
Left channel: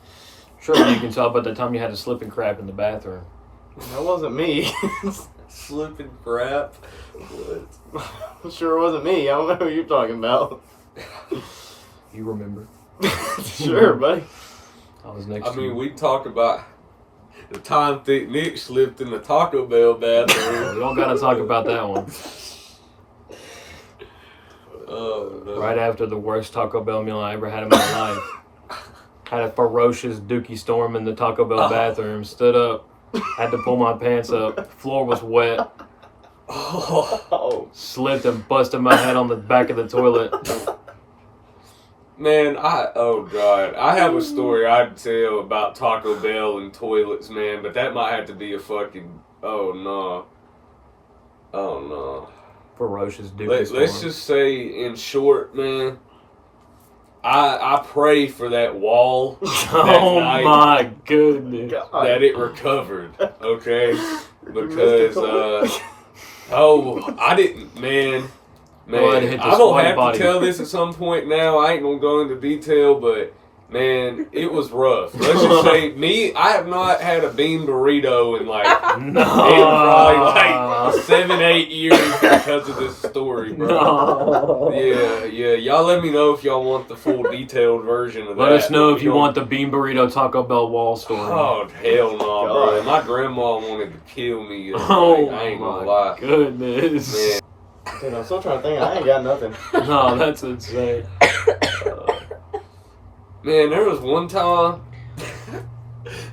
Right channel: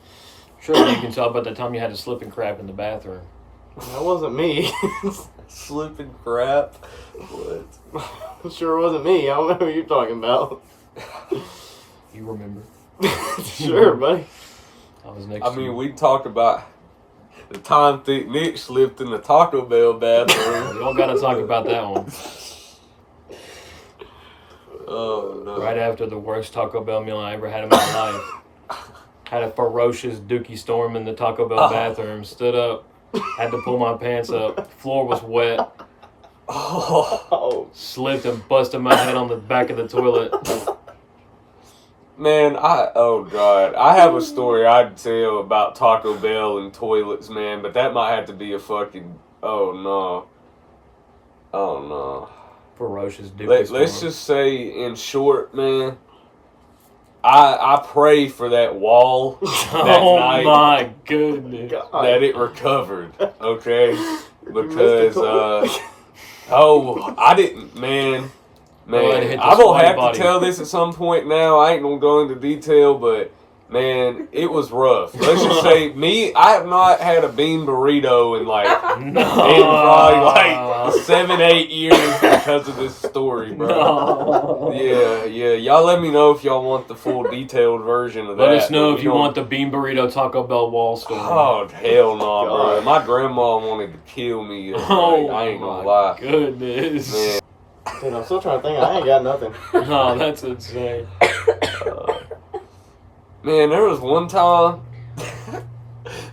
Sure, you can tell by the time you had to slip and crap in the bathroom. That wasn't me. Slipping crap? What? Sure wasn't me. I don't know who you're talking about. You remember? Sure, buddy. I was next I to mean, you. we talked about the time Thick Nick slipped in the Taco Bell bathroom. We don't gotta talk about that one. Oh, no. Right after the worst Taco Bell meal I ever had in my life. Had a ferocious dookie storm in the Taco Bell bathroom. Stood up. Had to pull my pants up. Floor was wet. Oh. Slipped and busted my head on the back of the toilet. Man, oh God. I have a story I'd tell about Taco Bell and toilets, man, but that might have to be a fucking, oh no. Ferocious dookie storm. Let's just say, in short, man, I pray for that wall Oh my goodness. that it recovered, okay? Because, I didn't, man, Man, I'm gonna have to tell this at some point now. I ain't gonna go into detail, but man, it was rough. Let's just say, I have not had a bean burrito in like probably like 7-8 years because of this story, bro. Yeah. Y'all let me know if y'all want the full detailed version of that. Let us know if you want the bean burrito Taco Bell wall story. Oh, hell no, bro. My grandma wanted to kill me. I ain't gonna lie. Goodness. Man. Dude, I'm still trying to think. I ain't got nothing. No, that's insane. Man, there was one time a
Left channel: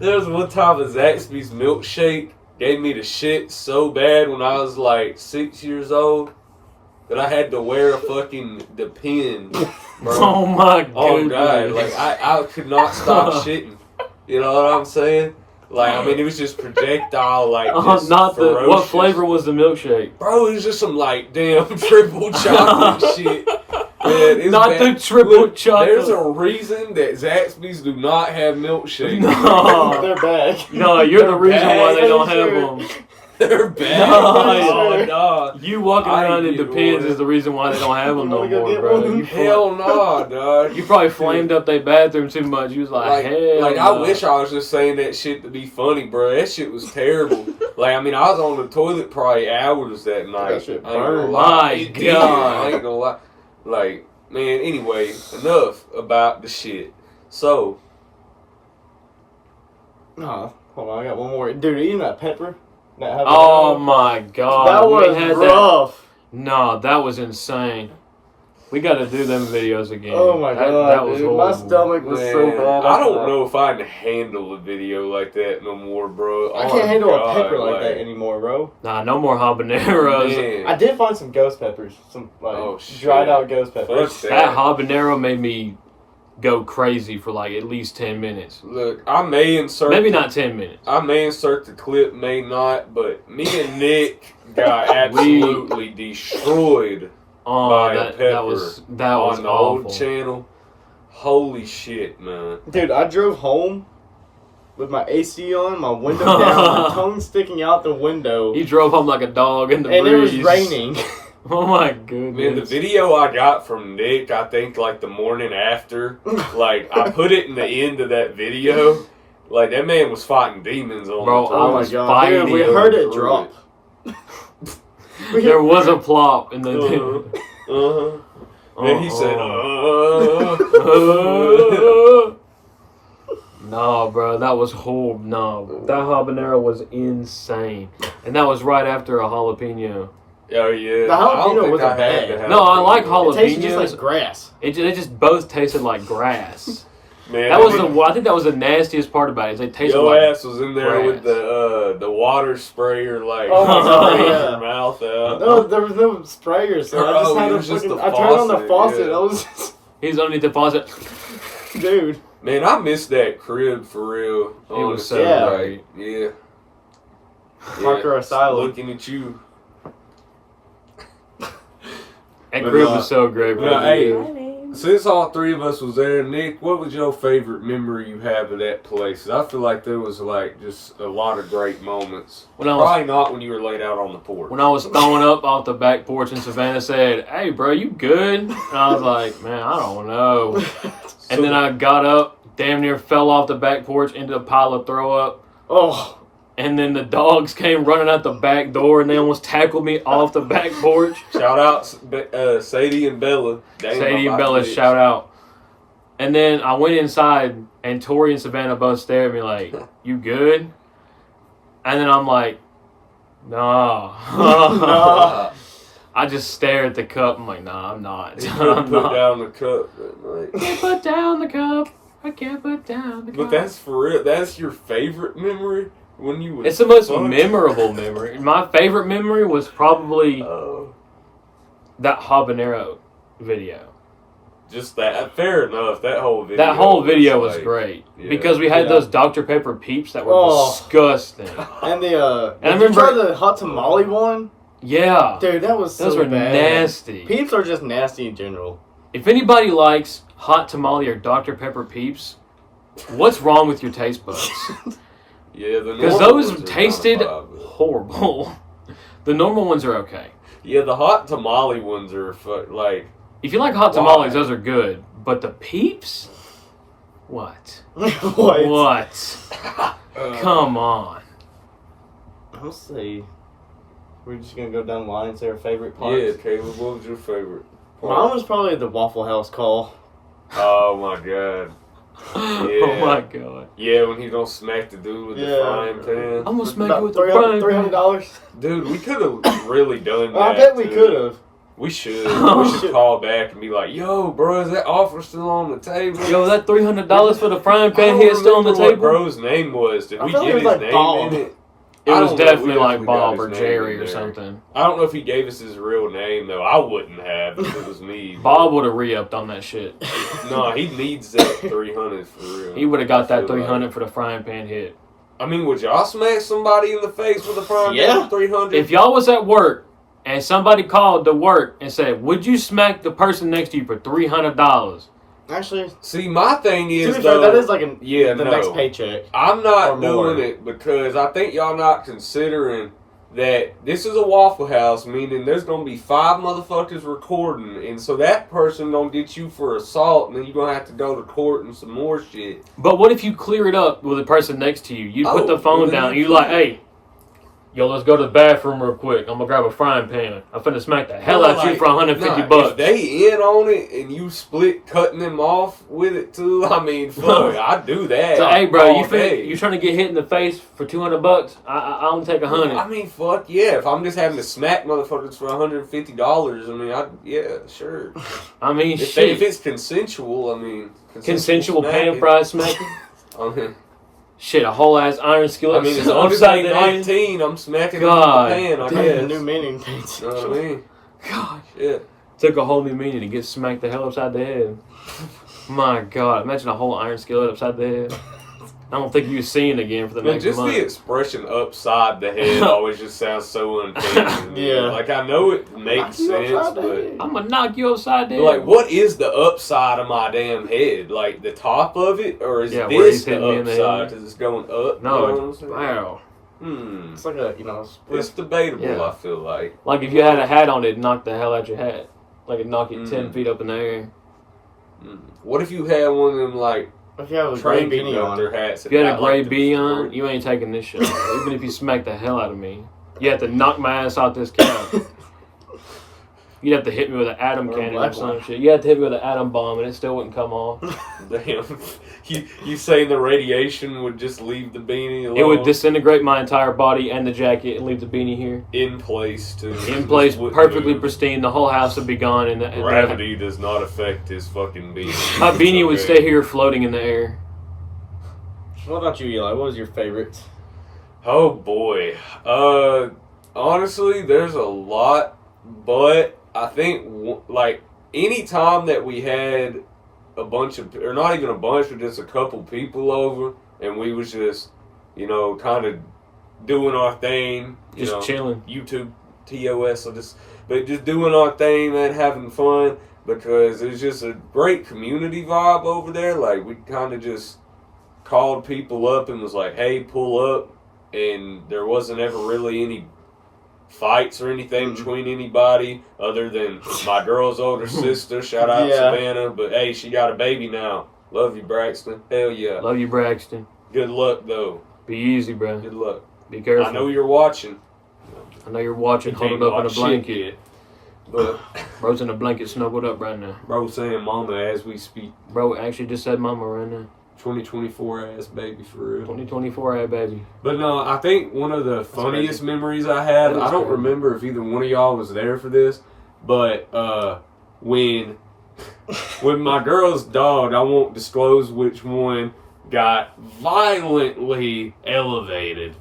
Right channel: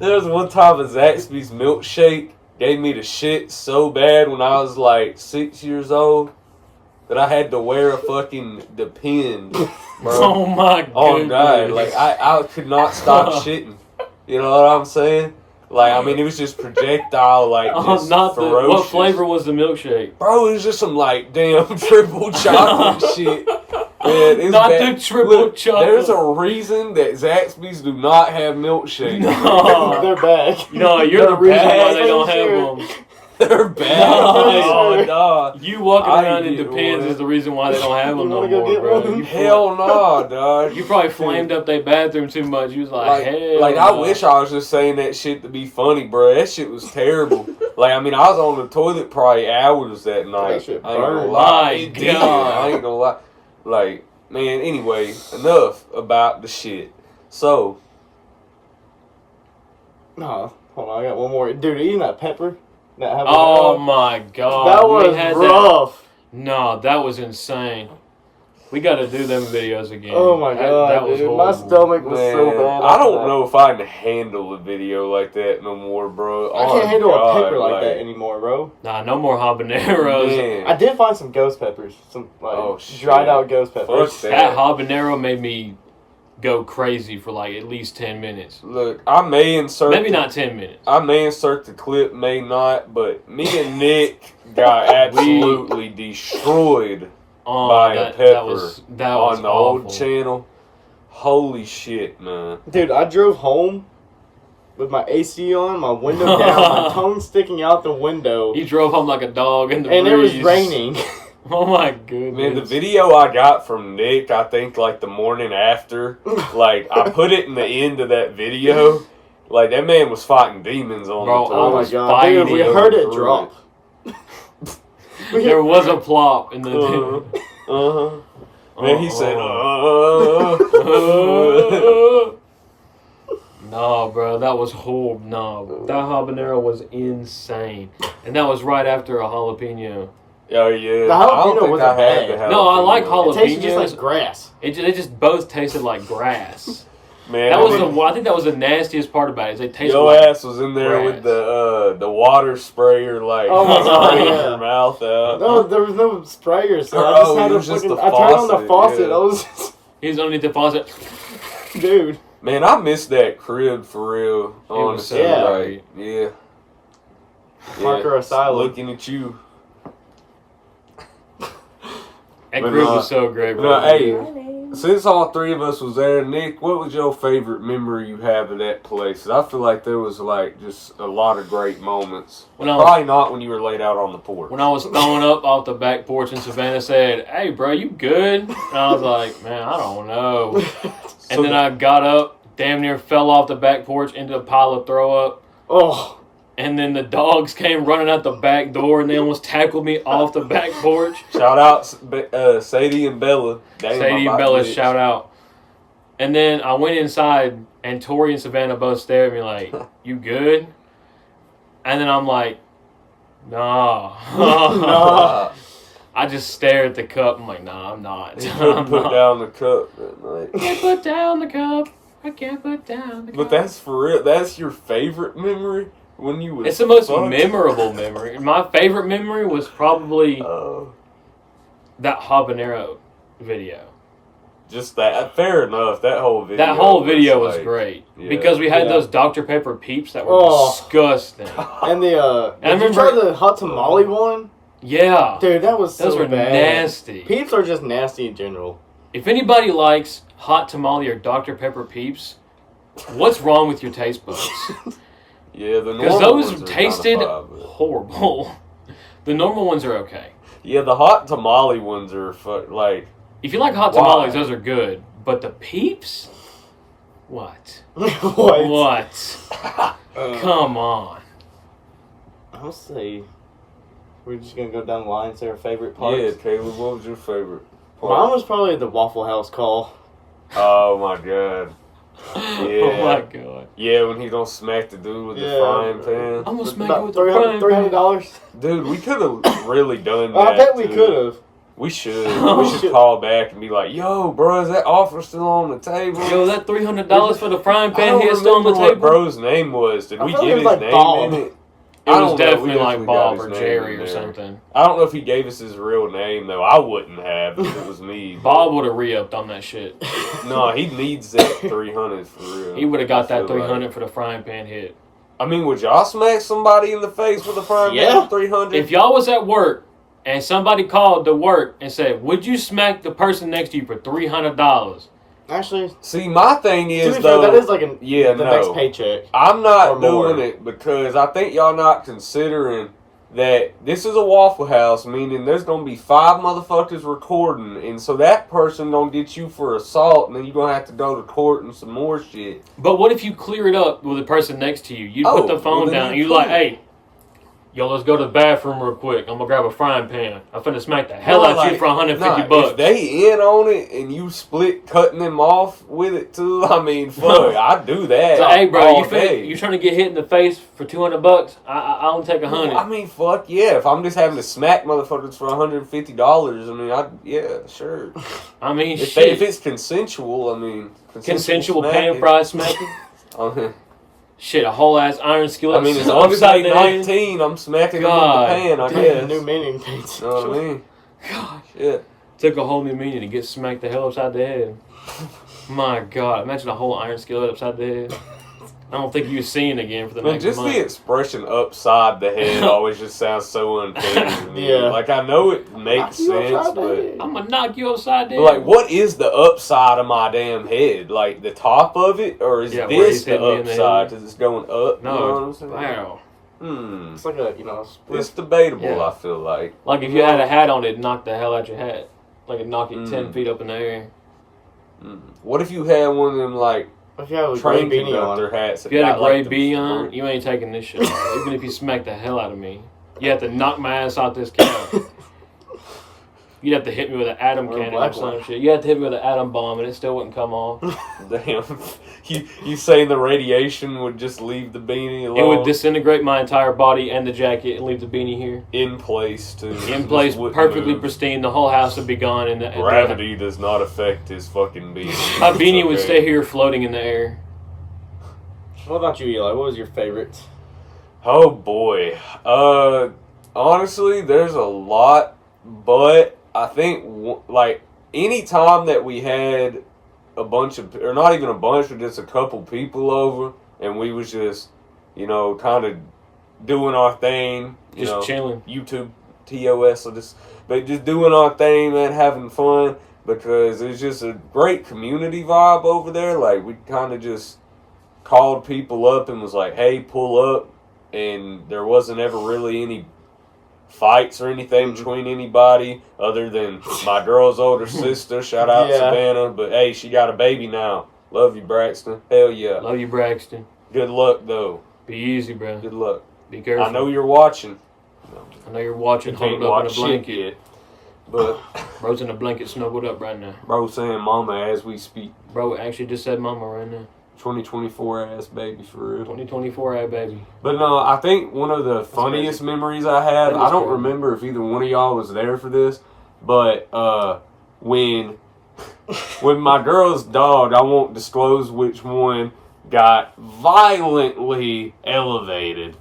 Zaxby's milkshake gave me the shit so bad when I was like 6 years old that I had to wear a fucking Depends, bro. Oh my goodness. Oh god, like I could not stop shitting. You know what I'm saying? Like, I mean, it was just projectile, like, just not ferocious. What flavor was the milkshake? Bro, it was just some, like, damn triple chocolate shit. Man, not the triple chocolate. There's a reason that Zaxby's do not have milkshakes. No. They're bad. No, you're the reason why they don't have them. They're bad. No. You walking around in Depends is the reason why they don't have them no more, bro. Hell no, dog. You probably flamed up their bathroom too much. You was like hell like, no. I wish I was just saying that shit to be funny, bro. That shit was terrible. Like, I mean, I was on the toilet probably hours that night. That shit I ain't gonna burned. lie. My It did. God. I ain't gonna lie. Like, man, anyway, enough about the shit. So. No, hold on, I got one more. Dude, eating that pepper? Oh my god. That was rough. No, that was insane. We got to do them videos again. Oh my god, was dude. My horrible. stomach was so bad. I don't know if I can handle a video like that no more, bro. I can't handle a pepper like that anymore, bro. Nah, no more habaneros. Man. I did find some ghost peppers. Some, like, dried out ghost peppers. Fuck That habanero made me go crazy for like at least 10 minutes. Look, I may insert... Maybe not 10 minutes. I may insert the clip, may not, but me and Nick got absolutely destroyed by a pepper that was on the awful. old channel. Holy shit, man. Dude, I drove home with my AC on, my window down, my tongue sticking out the window. He drove home like a dog in the and breeze. it was raining. Oh my goodness. Man, the video I got from Nick, I think like the morning after, like I put it in the end of that video. Like that man was fighting demons on Bro, the Oh top. my god, dude, we heard it drop. There was a plop in the Then he said, No, bro, that was horrible. No, that habanero was insane. And that was right after a jalapeno. Oh yeah. The jalapeno wasn't bad. No, I like jalapenos. It tasted just like grass. They just both tasted like grass. Man, That was I think that was the nastiest part about it. Is they tasted your like ass was in there with the water sprayer, like Oh my god, spraying yeah. your mouth out. No, there was no sprayer, so I just had it a was just fucking. the I turned on the faucet, faucet. yeah. I was just, He's underneath the faucet. dude. Man, I miss that crib for real. It was honestly. so great. Yeah. Parker Asylum. Looking at you. That But group no, was so great, bro. no, hey, since all three of us was there, Nick, what was your favorite memory you have of that place? 'Cause I feel like there was like just a lot of great moments. Probably not when you were laid out on the porch. When I was throwing up off the back porch and Savannah said, "Hey, bro, you good?" And I was like, "Man, I don't know." And then I got up, damn near fell off the back porch into a pile of throw up. Oh, And then the dogs came running out the back door and they almost tackled me off the back porch. Shout out Sadie and Bella. Damn, Sadie and my Bella, bitch. shout out. And then I went inside and Tori and Savannah both stared at me like, "You good?" And then I'm like, "No." no. I just stare at the cup. I'm like, "Nah, I'm not." You couldn't I'm put not. down the cup that night. I can't put down the cup. I can't put down the cup. But that's for real. That's your favorite memory when you was. It's the most fucked? memorable memory. My favorite memory was probably Oh. that habanero video. Just that. Fair enough. That whole video. That whole video was like- great yeah. because we had Yeah. those Dr. Pepper peeps that were Oh. disgusting. And the And I did you try remember- the hot tamale one? Yeah, Dude, that was those so were bad. nasty. Peeps are just nasty in general. If anybody likes hot tamale or Dr. Pepper peeps, what's wrong with your taste buds? Yeah, the Because normal those ones are tasted kinda vibe, horrible. The normal ones are okay. Yeah, the hot tamale ones are like. If you like hot tamales, those are good. But the Peeps? What? What? Come on. I'll see. We're just gonna go down the line and say our favorite parts. Yeah, Caleb, what was your favorite part? Mine was probably the Waffle House call. Oh my god. Yeah. Oh my god. Yeah, when he don't smack the dude with the frying pan. I'm gonna smack About you with the frying pan. $300. Dude, we could have really done that. I bet we too. could have. We should. We should call back and be like, yo, bro, is that offer still on the table? Yo, that $300 for the frying I pan don't here still on the remember what table? bro's name was. Did I we feel get like it was his like name Bob. in it? It I was don't know. definitely We like got Bob his or name Jerry in or there. something. I don't know if he gave us his real name, though. I wouldn't have if it was me. Bob would have re-upped on that shit. No, he needs that 300 for real. He would have got I that feel 300 like. for the frying pan hit. I mean, would y'all smack somebody in the face with a frying Yeah. pan for 300? If y'all was at work and somebody called to work and said, would you smack the person next to you for $300? Actually, See, my thing is, to be though, fair, that is like yeah, the no. next paycheck. I'm not Or more. doing it because I think y'all not considering that this is a Waffle House, meaning there's going to be 5 motherfuckers recording, and so that person going to get you for assault, and then you're going to have to go to court and some more shit. But what if you clear it up with the person next to you? You put the phone well, then down and you you like, clear it. hey, yo, let's go to the bathroom real quick. I'm gonna grab a frying pan. I'm finna smack the hell out of you for $150. If they in on it and you split cutting them off with it too, I mean, fuck, I'd do that. So, hey, bro, all day. you trying to get hit in the face for $200? I only take $100. I mean, fuck yeah. If I'm just having to smack motherfuckers for $150, I mean, yeah, sure. I mean, If shit. it's consensual, I mean, Consensual pan smacking. fried smacking? I mean, Shit, a whole ass iron skillet as long as upside they the head. 19, I'm smacking God them in the pan, I Damn, guess. a new meaning paints. You know what I mean? God. Yeah. Took a whole new meaning to get smacked the hell upside the head. My God, imagine a whole iron skillet upside the head. I don't think you'll see it again for the Man, next just month. the expression upside the head always just sounds so unfair to me. Yeah. Like, I know it makes you sense, upside the but... head. I'm gonna knock you upside the head. Like, what is the upside of my damn head? Like, the top of it? Or is Yeah, where this he's the hitting me in the upside? head. Because it's going up? No, you know what I'm saying? wow. It's like a, It's debatable, Yeah. I feel like. Like if you had a hat on, it'd knock the hell out your hat. Like it'd knock it 10 Mm. feet up in the air. What if you had one of them, like, if you have a gray train beanie conductor on. hats? If you had a gray bee bee on, you ain't taking this shit off. Even if you smack the hell out of me. You have to knock my ass out this couch. You'd have to hit me with an atom Or a cannon or black some one. shit. You have to hit me with an atom bomb and it still wouldn't come off. Damn. You saying the radiation would just leave the beanie alone? It would disintegrate my entire body and the jacket and leave the beanie here. In place, too. In place, Just wouldn't perfectly move. pristine. The whole house would be gone. And Gravity does not affect his fucking beanie. my It's beanie would okay. stay here floating in the air. What about you, Eli? What was your favorite? Oh boy. Honestly, there's a lot, but I think like any time that we had a bunch of, or not even a bunch, but just a couple people over, and we was just, kind of doing our thing, Just chilling. YouTube, TOS, but just doing our thing, man, having fun, because it was just a great community vibe over there. Like, we kind of just called people up and was like, hey, pull up, and there wasn't ever really any fights or anything between anybody other than my girl's older sister. Shout out Yeah. Savannah, but hey, she got a baby now. Love you, Braxton. Hell yeah. Love you, Braxton. Good luck, though. Be easy, bro. Good luck. Be careful. I know you're watching. I know you're watching, You can't holding up in a watch shit blanket. yet. But Bro's in a blanket snuggled up right now. bro saying mama as we speak. Bro actually just said mama right now. 2024 ass baby for real. 2024, hey, baby. But no, I think one of the funniest crazy. memories I had, That is I don't crazy. remember if either one of y'all was there for this, but when my girl's dog, I won't disclose which one, got violently elevated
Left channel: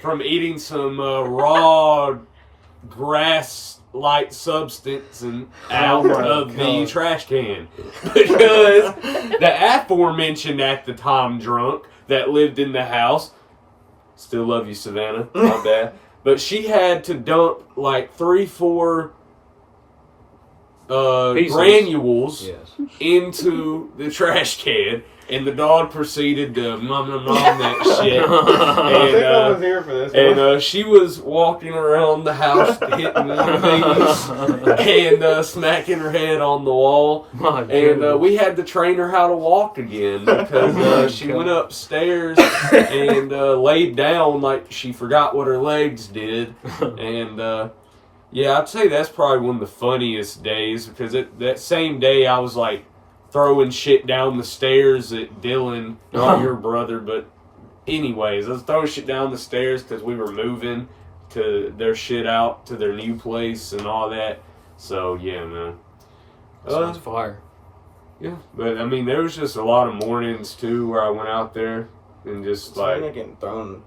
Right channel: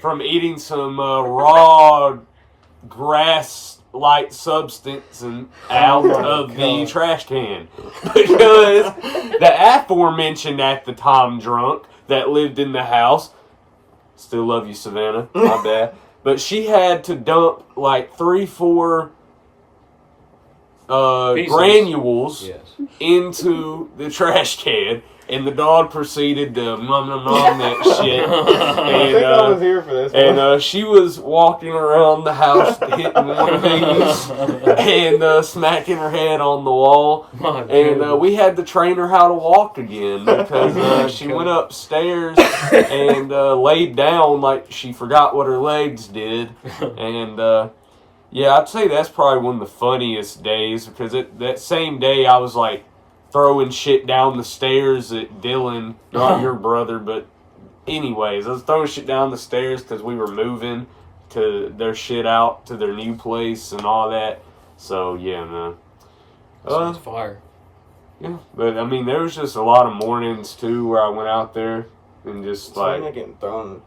from eating some raw grass-like substance and out my of the God. trash can, because the aforementioned at the time drunk that lived in the house, still love you, Savannah, my bad, but she had to dump like 3-4 Pieces. granules Yes. into the trash can, and the dog proceeded to nom that shit. I think I was here for this one. And she was walking around the house, hitting one knee and smacking her head on the wall. And we had to train her how to walk again because she went upstairs and laid down like she forgot what her legs did. And yeah, I'd say that's probably one of the funniest days because that same day I was like throwing shit down the stairs at Dylan, not your brother, but anyways, I was throwing shit down the stairs because we were moving to their shit out to their new place and all that. So yeah, man. Sounds fire. Yeah, but I mean, there was just a lot of mornings too where I went out there and just Like getting thrown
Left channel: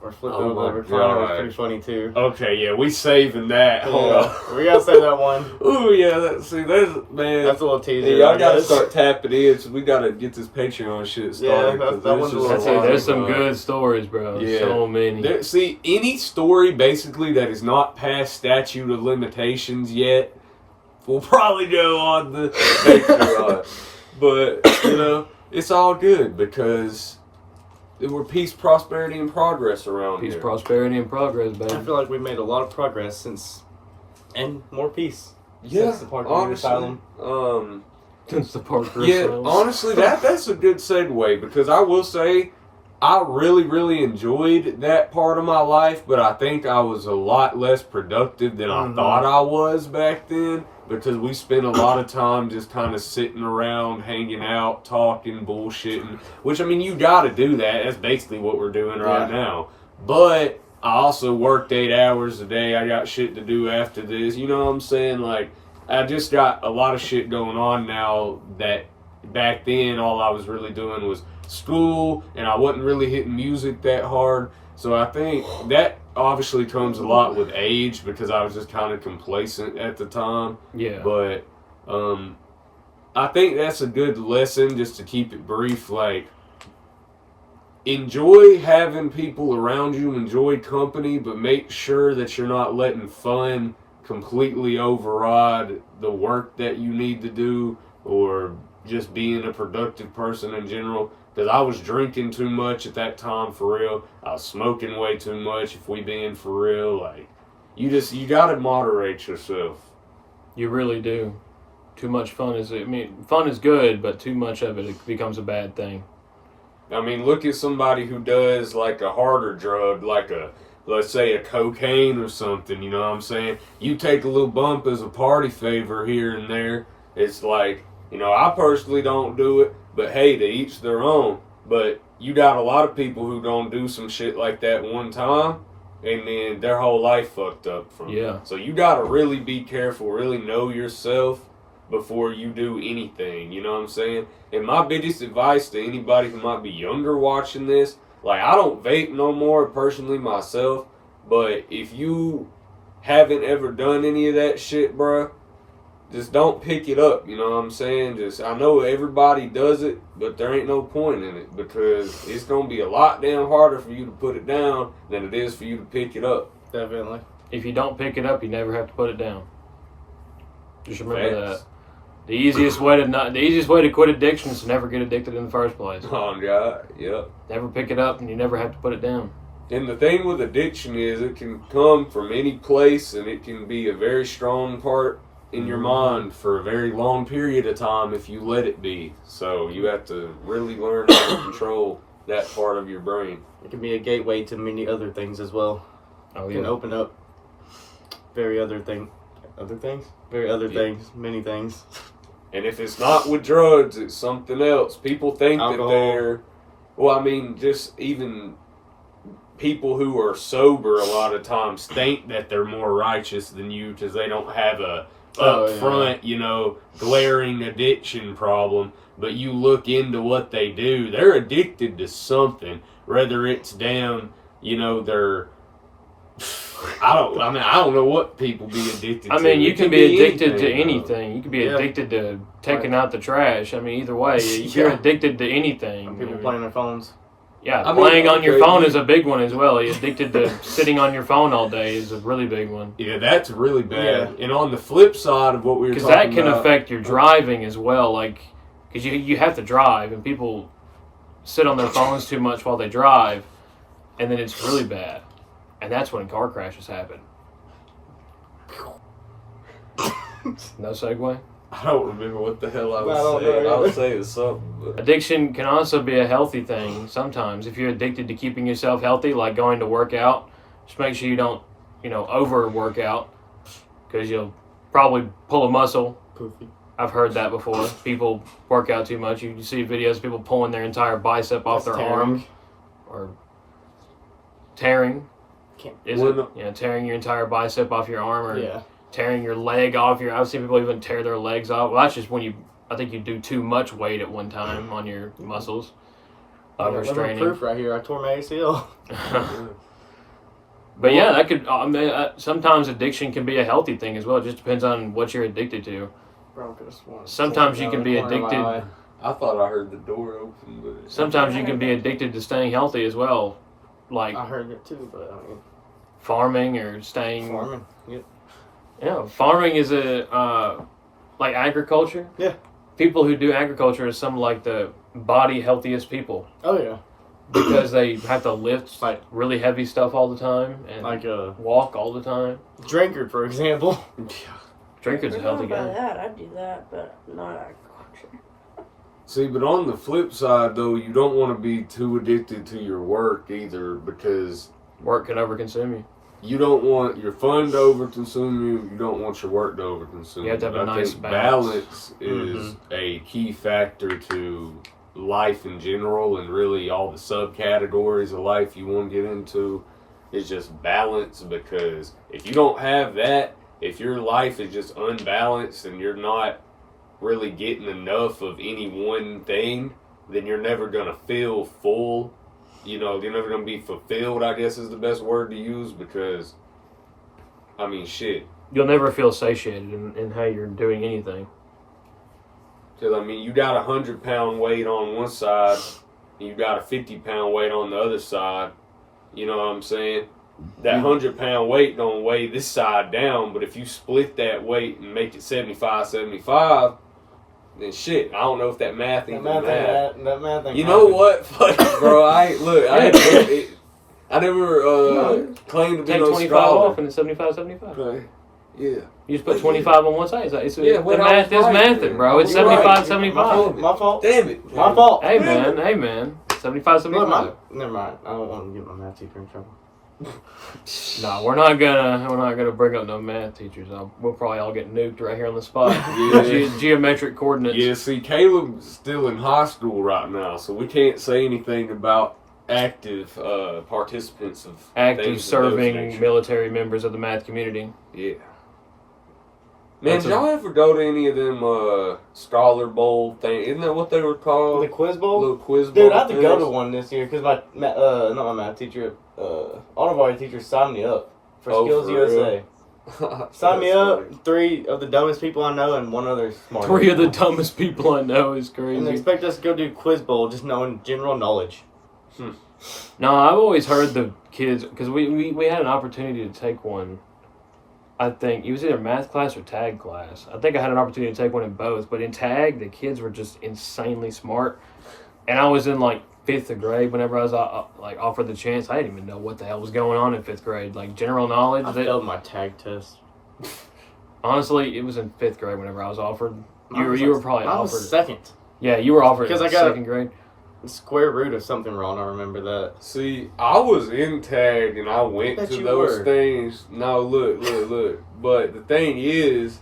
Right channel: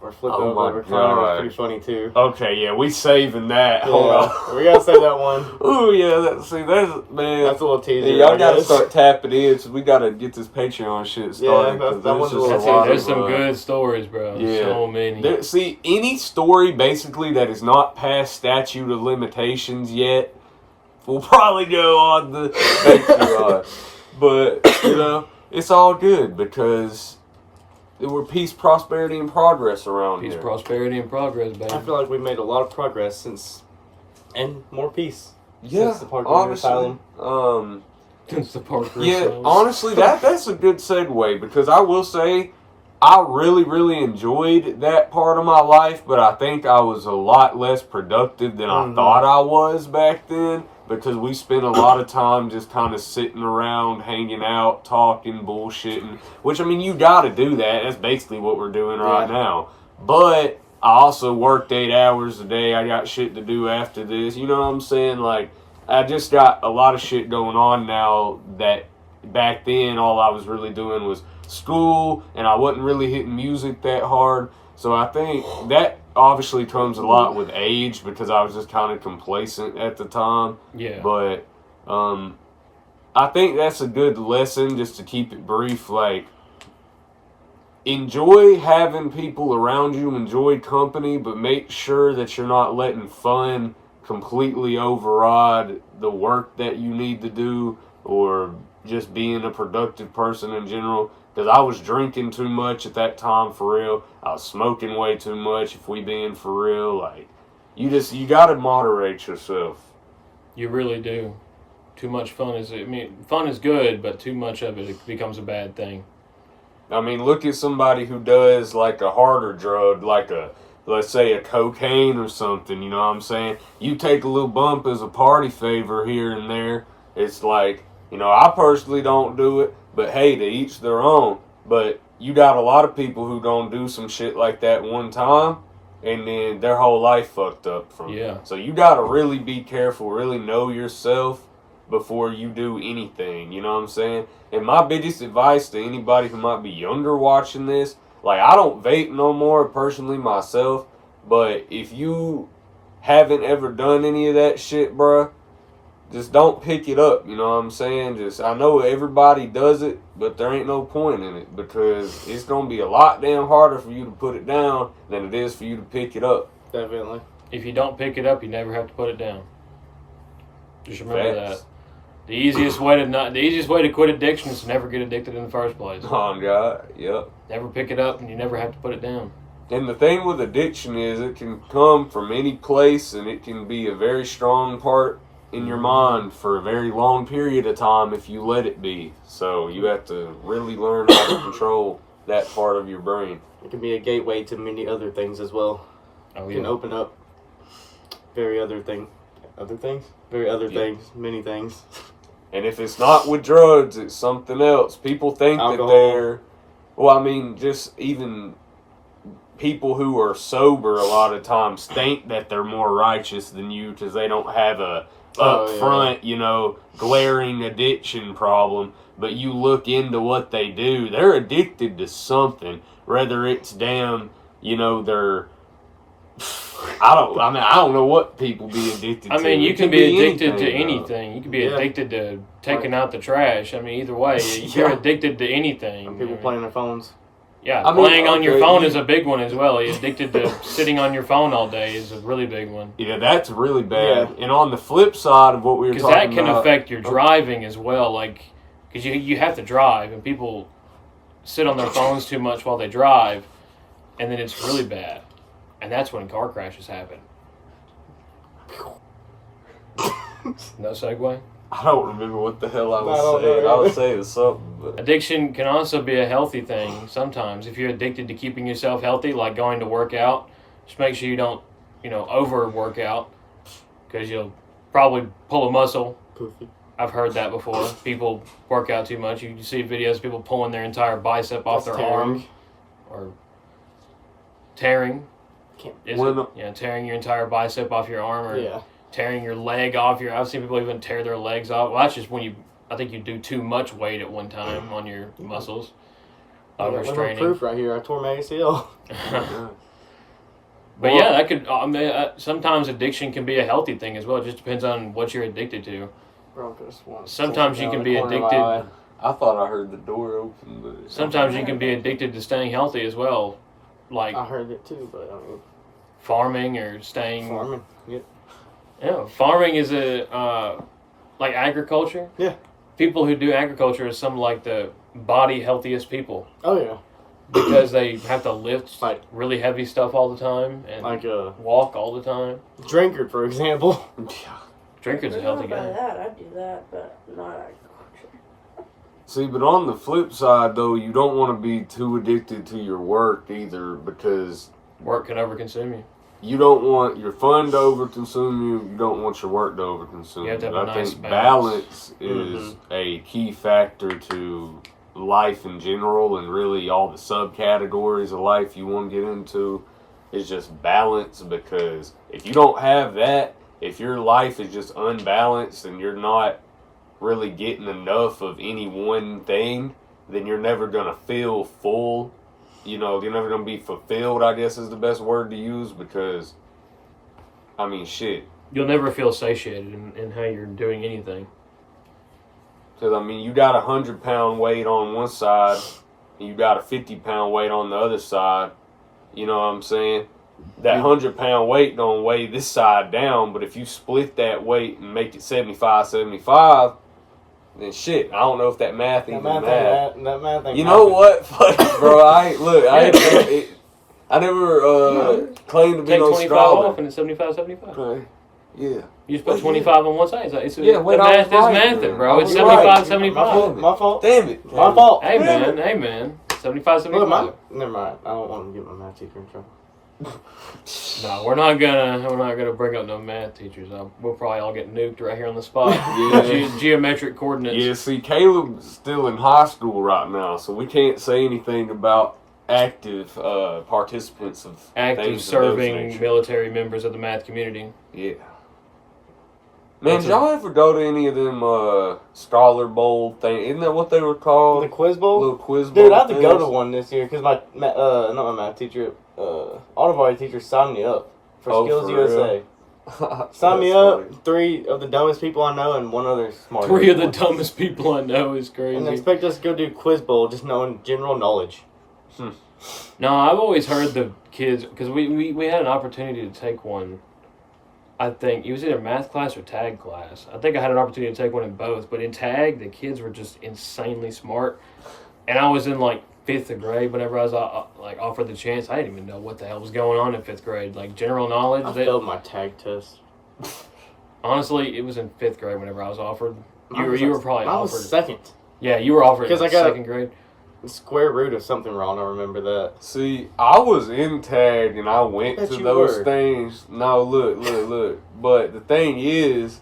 or flipped over was pretty funny too. Okay, yeah, we saving that. Hold on. We gotta say that one. Ooh, yeah, that's a little teaser. Yeah, I gotta start tapping in, so we gotta get this Patreon shit started. Yeah, that one's a little There's some good stories, bro. Yeah. So many. See, any story basically that is not past statute of limitations yet will probably go on the Patreon. But, you know, it's all good because we're peace, prosperity, and progress around here. Peace, prosperity, and progress, baby. I feel like we made a lot of progress since, and more peace. Yeah, since the Parker Asylum. Since the Parker Yeah, Asylum. honestly, that's a good segue because I will say I really, really enjoyed that part of my life, but I think I was a lot less productive than I thought I was back then because we spent a lot of time just kind of sitting around, hanging out, talking, bullshitting, which, I mean, you got to do that. That's basically what we're doing right now. But I also worked 8 hours a day. I got shit to do after this. You know what I'm saying? Like, I just got a lot of shit going on now that back then all I was really doing was school, and I wasn't really hitting music that hard. So I think that obviously comes a lot with age because I was just kind of complacent at the time. Yeah. But I think that's a good lesson just to keep it brief. Like, enjoy having people around you, enjoy company, but make sure that you're not letting fun completely override the work that you need to do or just being a productive person in general. Because I was drinking too much at that time, for real. I was smoking way too much, if we being for real. Like, you gotta moderate yourself. You really do. Too much fun fun is good, but too much of it becomes a bad thing. I mean, look at somebody who does like a harder drug, like let's say a cocaine or something, you know what I'm saying? You take a little bump as a party favor here and there. It's like, you know, I personally don't do it, but hey, to each their own. But you got a lot of people who gonna do some shit like that one time, and then their whole life fucked up from it. So you gotta really be careful, really know yourself before you do anything, you know what I'm saying? And my biggest advice to anybody who might be younger watching this, like, I don't vape no more personally myself, but if you haven't ever done any of that shit, bruh, just don't pick it up, you know what I'm saying? I know everybody does it, but there ain't no point in it because it's going to be a lot damn harder for you to put it down than it is for you to pick it up. Definitely. If you don't pick it up, you never have to put it down. Just remember that. The easiest way to quit addiction is to never get addicted in the first place. Oh, God, yep. Never pick it up and you never have to put it down. And the thing with addiction is it can come from any place and it can be a very strong part in your mind for a very long period of time if you let it be. So you have to really learn how to control that part of your brain. It can be a gateway to many other things as well. Oh, It can open up many things. And if it's not with drugs, it's something else. People think Alcohol. that they're, well, I mean, just even people who are sober a lot of times think that they're more righteous than you because they don't have a upfront, you know, glaring addiction problem. But you look into what they do, they're addicted to something. Whether it's damn, you know, they're, I don't know what people be addicted to. I mean, you can be addicted to anything. anything. You can be addicted to taking out the trash. I mean, either way, you're addicted to anything. People playing their phones. Yeah, I mean, playing on your phone is a big one as well. You're addicted to sitting on your phone all day is a really big one. Yeah, that's really bad. And on the flip side of what we were talking about, because that can affect your driving as well. Like, because you have to drive, and people sit on their phones too much while they drive, and then it's really bad, and that's when car crashes happen. No segue? I don't remember what the hell I I was don't saying. know. I was saying something. But... Addiction can also be a healthy thing sometimes. If you're addicted to keeping yourself healthy, like going to work out, just make sure you don't, over work out, because you'll probably pull a muscle. Poofy. I've heard that before. People work out too much. You see videos of people pulling their entire bicep off That's their arm. Or tearing. Tearing your entire bicep off your arm, or tearing your leg off I've seen people even tear their legs off. Well, that's just when I think you do too much weight at one time on your muscles. Overstraining. Proof right here. I tore my ACL. But yeah, that could. Sometimes addiction can be a healthy thing as well. It just depends on what you're addicted to. Sometimes you can be addicted. I thought I heard the door open, but sometimes you can be addicted to staying healthy as well. Like I heard it too, but I mean, farming or staying. Farming. Yeah, farming is like agriculture. Yeah. People who do agriculture are some like the body healthiest people. Oh yeah. Because they have to lift like really heavy stuff all the time and walk all the time. Drinker, for example. Drinker's a healthy guy. I do that, but not agriculture. See, but on the flip side, though, you don't want to be too addicted to your work either, because work can overconsume you. You don't want your fun to overconsume you. You don't want your work to overconsume you. You have to have a nice balance is a key factor to life in general, and really all the subcategories of life you want to get into is just balance, because if you don't have that, if your life is just unbalanced and you're not really getting enough of any one thing, then you're never going to feel full. You're never going to be fulfilled, I guess is the best word to use, because, I mean, shit. You'll never feel satiated in how you're doing anything. Because, I mean, you got a 100-pound weight on one side, and you got a 50-pound weight on the other side. You know what I'm saying? That 100-pound weight don't weigh this side down, but if you split that weight and make it 75-75, then shit, I don't know if that math ain't that math ain't. You know what? Fuck it, bro. I never claimed to be take no 25 scholar. off and it's 75-75. Okay. Yeah. You just put 25 on one side. It's Yeah, the wait, math I was is right, mathing, bro. man. It's I was 75-75. My fault. Damn it. My fault. Hey man. 75-75. Never mind. I don't want to get my math teacher in trouble. No, we're not gonna bring up no math teachers. We'll probably all get nuked right here on the spot. Geometric coordinates. Yeah, see, Caleb's still in high school right now, so we can't say anything about active participants of active serving military members of the math community. Yeah. Man, did y'all ever go to any of them Scholar Bowl things? Isn't that what they were called? The quiz bowl? Little quiz bowl. Dude, I have to go to one this year because not my math teacher, Audubon teacher signed me up for Skills for USA. Sign me up. 3 of the dumbest people I know and 1 other smart. 3 of the dumbest people I know is crazy. And they expect us to go do quiz bowl just knowing general knowledge. No, I've always heard the kids, because we had an opportunity to take one. I think it was either math class or tag class. I think I had an opportunity to take one in both, but in tag, the kids were just insanely smart. And I was in like 5th grade whenever I was offered the chance. I didn't even know what the hell was going on in 5th grade. Like general knowledge. I failed my tag test. Honestly, it was in 5th grade whenever I was offered. You were probably offered. I was 2nd. Yeah, you were offered because in I got 2nd grade. Square root of something wrong. I remember that. See, I was in tag and I went to those things. No, look. But the thing is,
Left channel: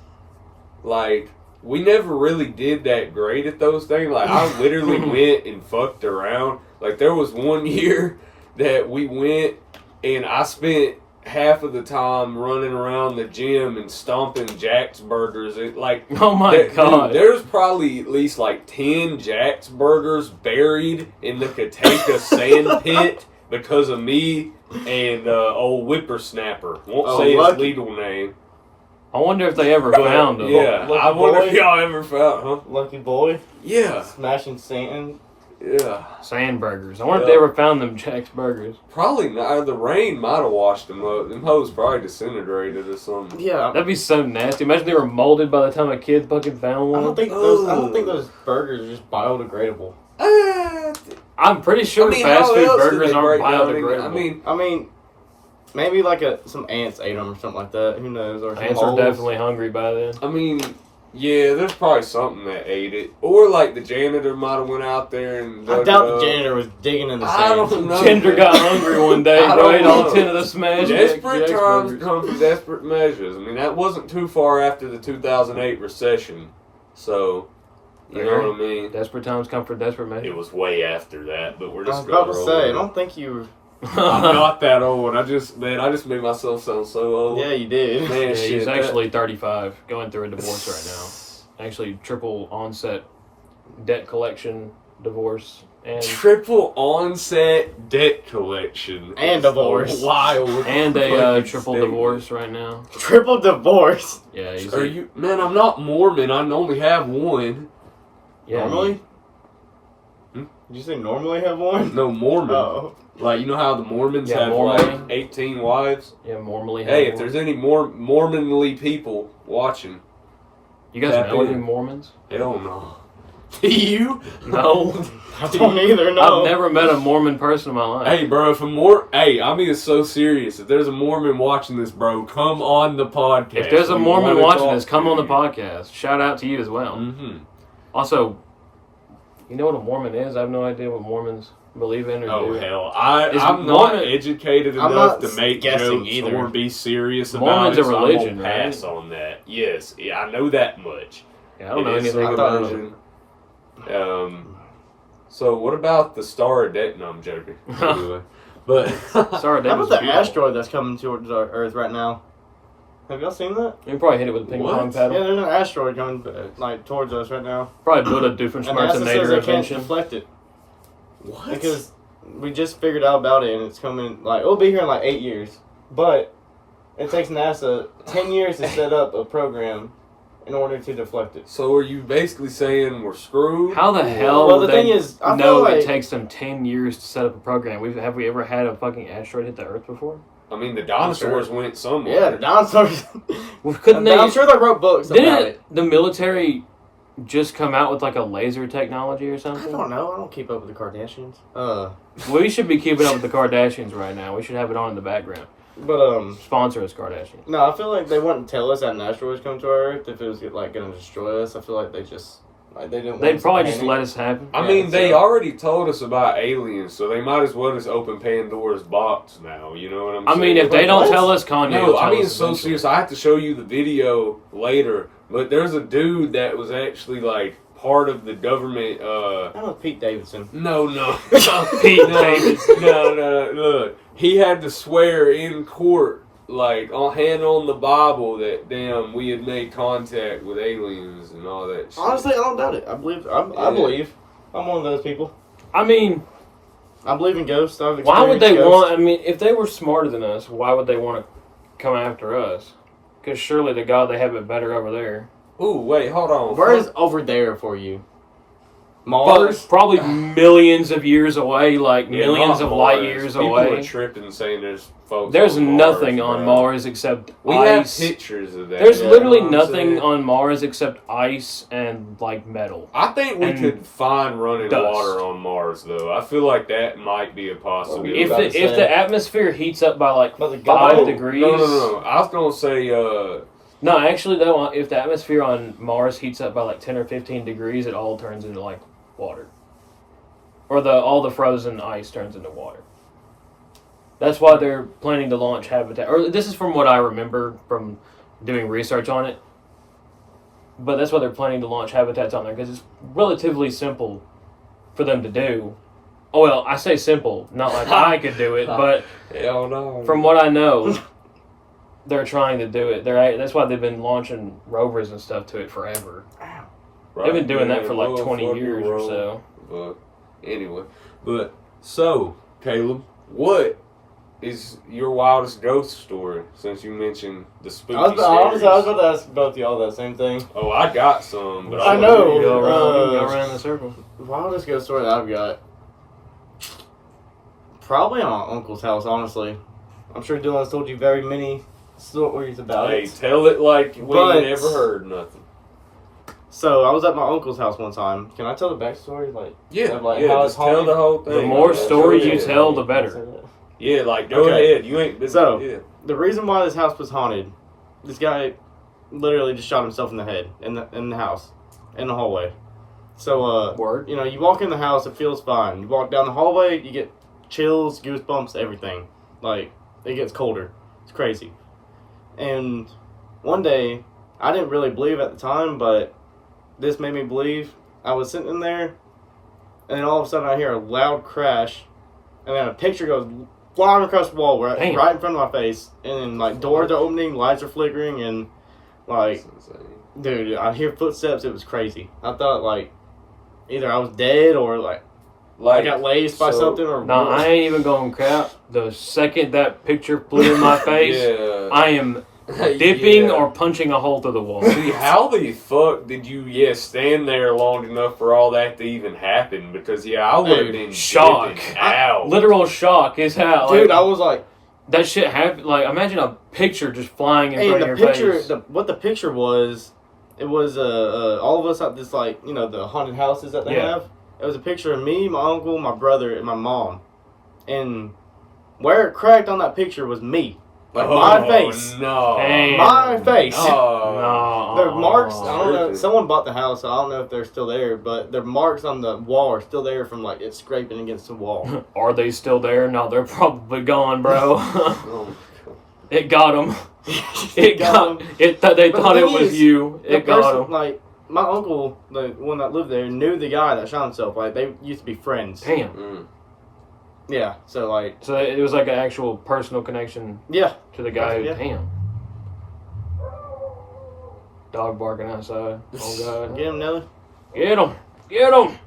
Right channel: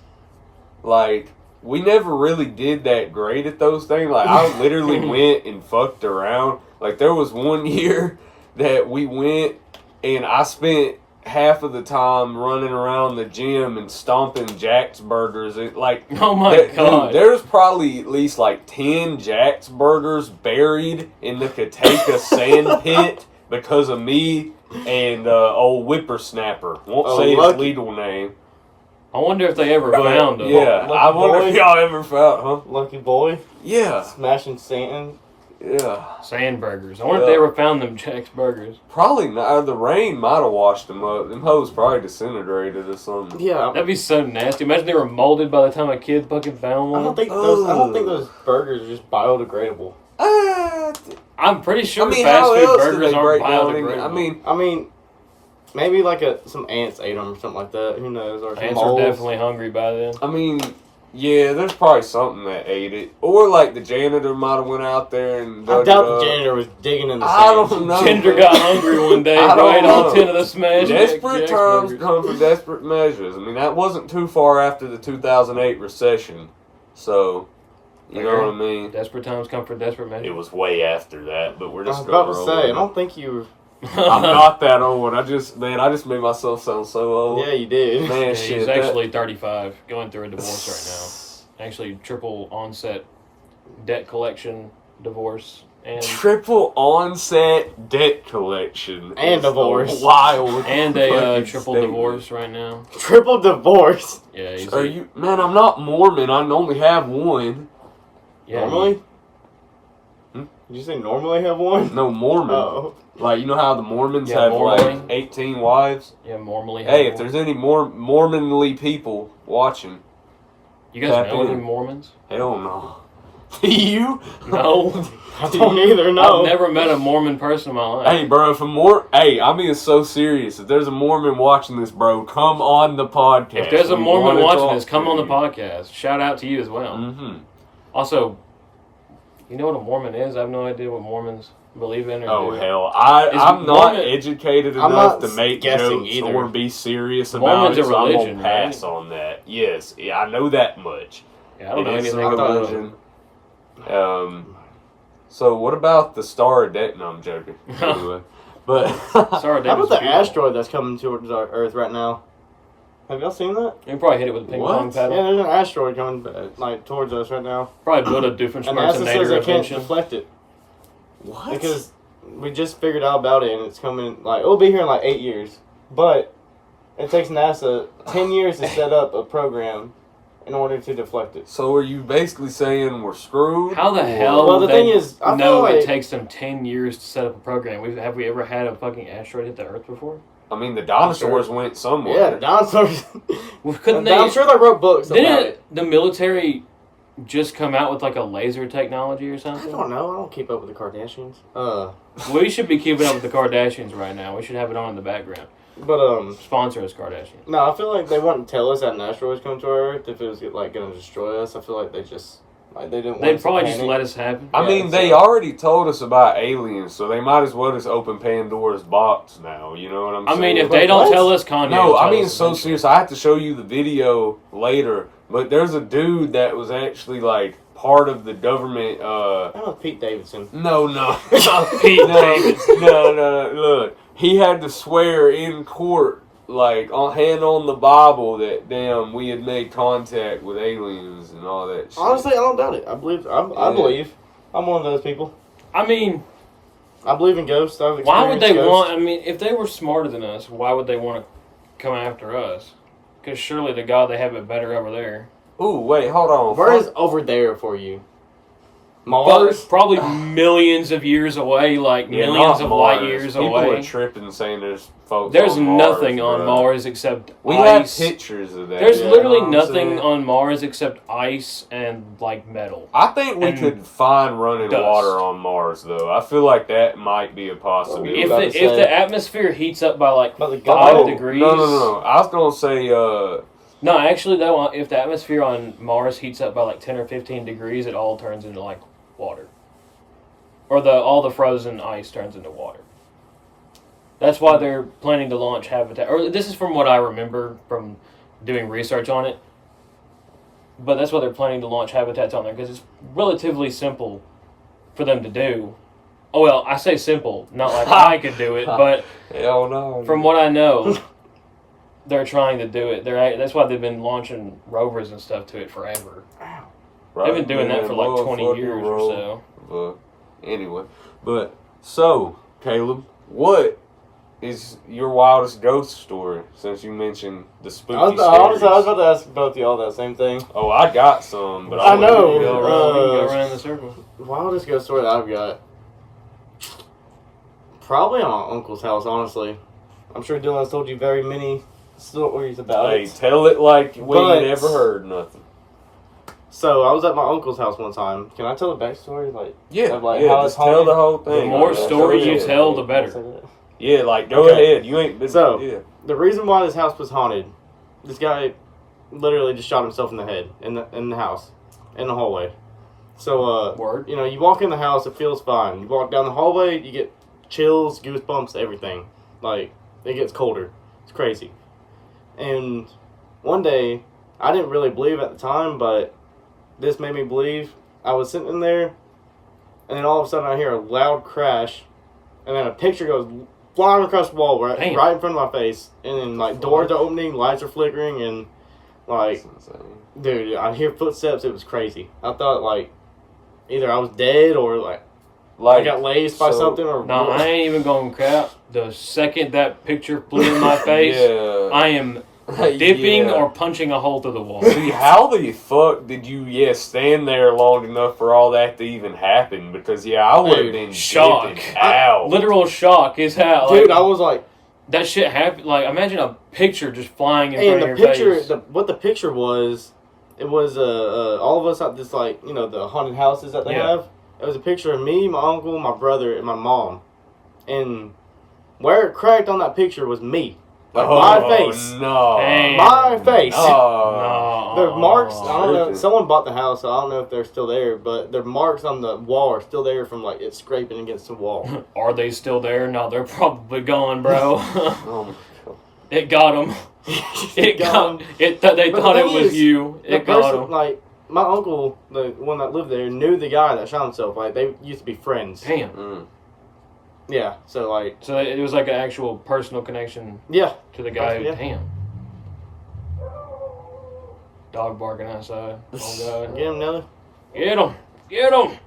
like, we never really did that great at those things. Like, I literally went and fucked around. Like, there was one year that we went and I spent half of the time running around the gym and stomping Jack's Burgers. And like, oh my god, dude, there's probably at least like 10 Jack's Burgers buried in the Kateka sand pit because of me and old Whippersnapper. Won't say his legal name. I wonder if they ever found him. Yeah, I wonder if y'all ever found, huh? Lucky boy. Yeah, smashing sand. Yeah. Sand burgers. I wonder if they ever found them Jack's burgers. Probably not. The rain might have washed them up. Them hoes probably disintegrated or something. Yeah. That'd be so nasty. Imagine they were molded by the time a kid fucking found one. I don't think those burgers are just biodegradable. I'm pretty sure fast food burgers aren't biodegradable. I mean, maybe like some ants ate them or something like that. Who knows? Or ants are definitely hungry by then. I mean, yeah, there's probably something that ate it, or like the janitor might have went out there and. I doubt the janitor was digging in the sand. I don't know. Janitor got hungry one day, right? All 10 of the smash. Desperate times come from desperate measures. I mean, that wasn't too far after the 2008 recession, so. You know what I mean? Desperate times come for desperate measures. It was way after that, but we're just. I was about to say, I don't think you. I'm not that old. I just made myself sound so old. Yeah, you did. Man, Yeah, shit, he's actually 35, going through a divorce right now. Actually, triple onset debt collection divorce and triple onset debt collection and divorce. Wild. And a triple divorce right now. Triple divorce. Yeah, he's man, I'm not Mormon. I only have one. Yeah, normally? Did you say normally have one? No, Mormon. Oh. Like, you know how the Mormons have like 18 wives? Yeah, normally. Hey, if there's any more Mormonly people watching. You guys know any Mormons? Hell no. Do you? No. I don't either, no. I've never met a Mormon person in my life. Hey, bro, I'm being so serious. If there's a Mormon watching this, bro, come on the podcast. If there's a Mormon watching this, come on the podcast. Shout out to you as well. Mm-hmm. Also, you know what a Mormon is? I have no idea what Mormons believe in or do. Oh, hell. I'm not educated enough to make jokes either. or be serious Mormon's about it, a religion, so I'm gonna pass on that. Yes, yeah, I know that much. Yeah, I don't know anything about it. So what about the Star of Death? No, I'm joking. Anyway, but how about the asteroid that's coming towards our Earth right now? Have y'all seen that? You can probably hit it with a ping pong paddle. Yeah, there's an asteroid coming like towards us right now. Probably build a Doofenshmirtz and NASA says they can't invention. deflect it. What? Because we just figured out about it, and it's coming. Like it'll be here in like 8 years, but it takes NASA 10 years to set up a program in order to deflect it. So are you basically saying we're screwed? How the hell? Well, the thing is, I know feel like it takes them 10 years to set up a program. Have we ever had a fucking asteroid hit the Earth before? I mean, the dinosaurs went somewhere. Yeah, the dinosaurs. Well, couldn't they? I'm sure they wrote books about it. The military just come out with like a laser technology or something? I don't know. I don't keep up with the Kardashians. We should be keeping up with the Kardashians right now. We should have it on in the background. But sponsor us, Kardashians. No, I feel like they wouldn't tell us that an asteroid was coming to our Earth if it was like going to destroy us. I feel like they just they didn't. They'd probably just let us happen. I mean, they already told us about aliens, so they might as well just open Pandora's box now. You know what I'm saying? I mean, if they don't tell us, Kanye. No, I mean, so serious. I have to show you the video later. But there's a dude that was actually like part of the government. That was Pete Davidson. No. Pete Davidson. No. Look, he had to swear in court, like hand on the Bible, that damn we had made contact with aliens and all that shit. Honestly, I don't doubt it. I believe. I believe. I'm one of those people. I mean, I believe in ghosts. Why would they want? I mean, if they were smarter than us, why would they want to come after us? Because surely the God they have it better over there. Ooh, wait, hold on. Where is over there for you? Mars? Probably millions of years away, like millions of light years away. People are tripping saying there's folks There's on Mars, nothing on Mars except we ice. have pictures of that. There's literally nothing on Mars except ice and like metal. I think we could find running water on Mars, though. I feel like that might be a possibility. If the atmosphere heats up by like 5 degrees. No. I was gonna say. No, actually, though, if the atmosphere on Mars heats up by like 10 or 15 degrees, it all turns into like water. Or all the frozen ice turns into water. That's why they're planning to launch habitat. Or this is from what I remember from doing research on it. But that's why they're planning to launch habitats on there, because it's relatively simple for them to do. Oh, well, I say simple, not like I could do it, but hell no. From what I know, they're trying to do it. That's why they've been launching rovers and stuff to it forever. Right, they've been doing that for like 20 years or so. Anyway, so Caleb, what is your wildest ghost story? Since you mentioned the spooky Honestly, I was about to ask both of y'all that same thing. Oh, I got some, but I know. Go around the circle. Wildest ghost story that I've got. Probably on my uncle's house, honestly. I'm sure Dylan's told you very many stories about Hey, it. tell it like we But- never heard nothing. So I was at my uncle's house one time. Can I tell the backstory? Like, Yeah, of, like, yeah, how just it's tell haunted? the whole thing. The more Yeah, story sure you is. tell, the better. Yeah, like, go Okay. ahead. You ain't... So- yeah. The reason why this house was haunted, this guy literally just shot himself in the head in the house, in the hallway. So, Word. you know, you walk in the house, it feels fine. You walk down the hallway, you get chills, goosebumps, everything. Like, it gets colder. It's crazy. And one day, I didn't really believe at the time, but this made me believe. I was sitting in there, and then all of a sudden I hear a loud crash, and then a picture goes flying across the wall right in front of my face, and then, like, doors are opening, lights are flickering, and, like, That's insane. dude, I hear footsteps. It was crazy. I thought, like, either I was dead or, like, I got laced by something or... No, I ain't even going to cap. The second that picture flew in my face, Yeah. I am dipping Yeah. or punching a hole through the wall. See, how the fuck did you, stand there long enough for all that to even happen? Because, I would have Dude, been shock. dipping out. Literal shock is how. Dude, like, I was like... that shit happened. Like, imagine a picture just flying in And front the of your picture, face. what the picture was, it was all of us at this, like, you know, the haunted houses that they Yeah. have. It was a picture of me, my uncle, my brother, and my mom. And where it cracked on that picture was me. Like, my face. No. Damn. My face. No. The marks, I don't know, Tripping. someone bought the house, so I don't know if they're still there, but the marks on the wall are still there from, like, it scraping against the wall. Are they still there? No, they're probably gone, bro. Oh, my God. It got them. It got them. They But the thought it thing was is, you. The It got person, them. like, my uncle, the one that lived there, knew the guy that shot himself. Like, they used to be friends. Damn. Mm. Yeah, so, like, So it was like an actual personal connection yeah. to the guy who, Yeah. damn. Dog barking outside. Oh, God. Get him, Nelly. Get him. Get him.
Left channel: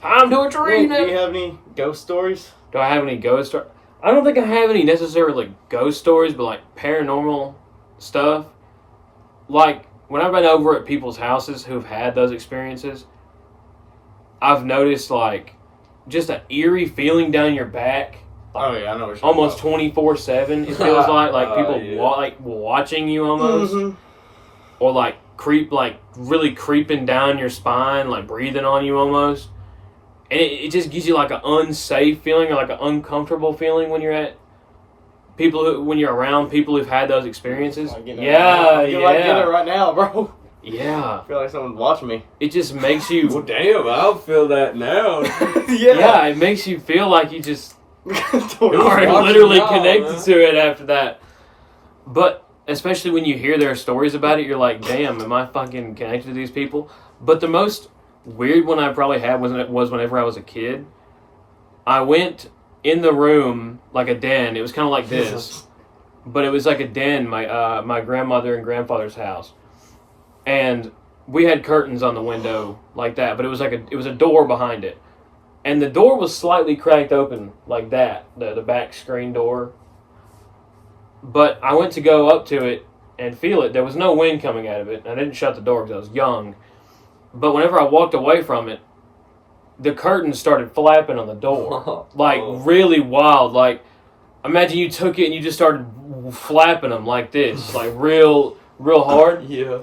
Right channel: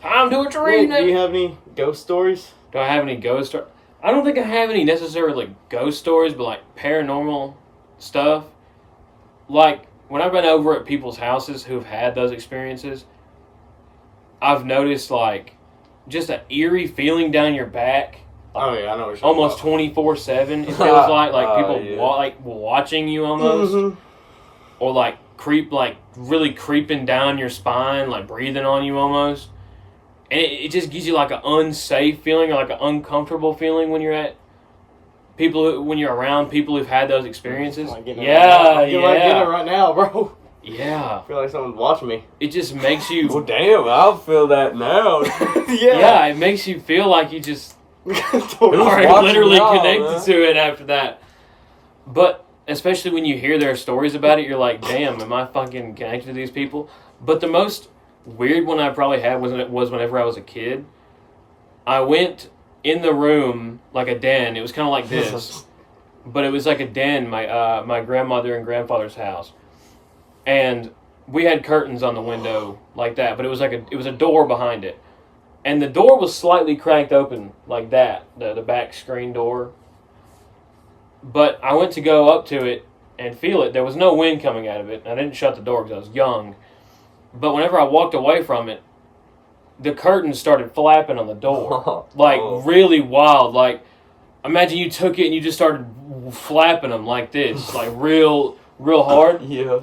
Time to a tree Nick, do you have any ghost stories? Do I have any ghost stories? I don't think I have any necessarily ghost stories, but like paranormal stuff. Like when I've been over at people's houses who've had those experiences, I've noticed like just an eerie feeling down your back, Oh, yeah, I know what you're almost talking 24/7. It feels like Oh, people yeah. like watching you about. almost, Mhm. or like really creeping down your spine, like breathing on you almost. And it just gives you like an unsafe feeling or like an uncomfortable feeling when you're at when you're around people who've had those experiences. Like getting it right now. Yeah, I'm getting like getting it yeah, right now, bro. yeah. I feel like someone's watching me. It just makes Well, you, damn, I'll feel that now. yeah, it makes you feel like you just Totally. are watching literally now, connected man? to it after that. But especially when you hear their stories about it, you're like, damn, am I fucking connected to these people? But the most weird one I probably had was whenever I was a kid. I went in the room like a den. It was kind of like this, but it was like a den. My grandmother and grandfather's house, and we had curtains on the window like that. But it was a door behind it, and the door was slightly cracked open like that, the back screen door. But I went to go up to it and feel it. There was no wind coming out of it. I didn't shut the door because I was young. But whenever I walked away from it, the curtains started flapping on the door. Like, really wild. Like, imagine you took it and you just started flapping them like this. Like, real hard. Yeah.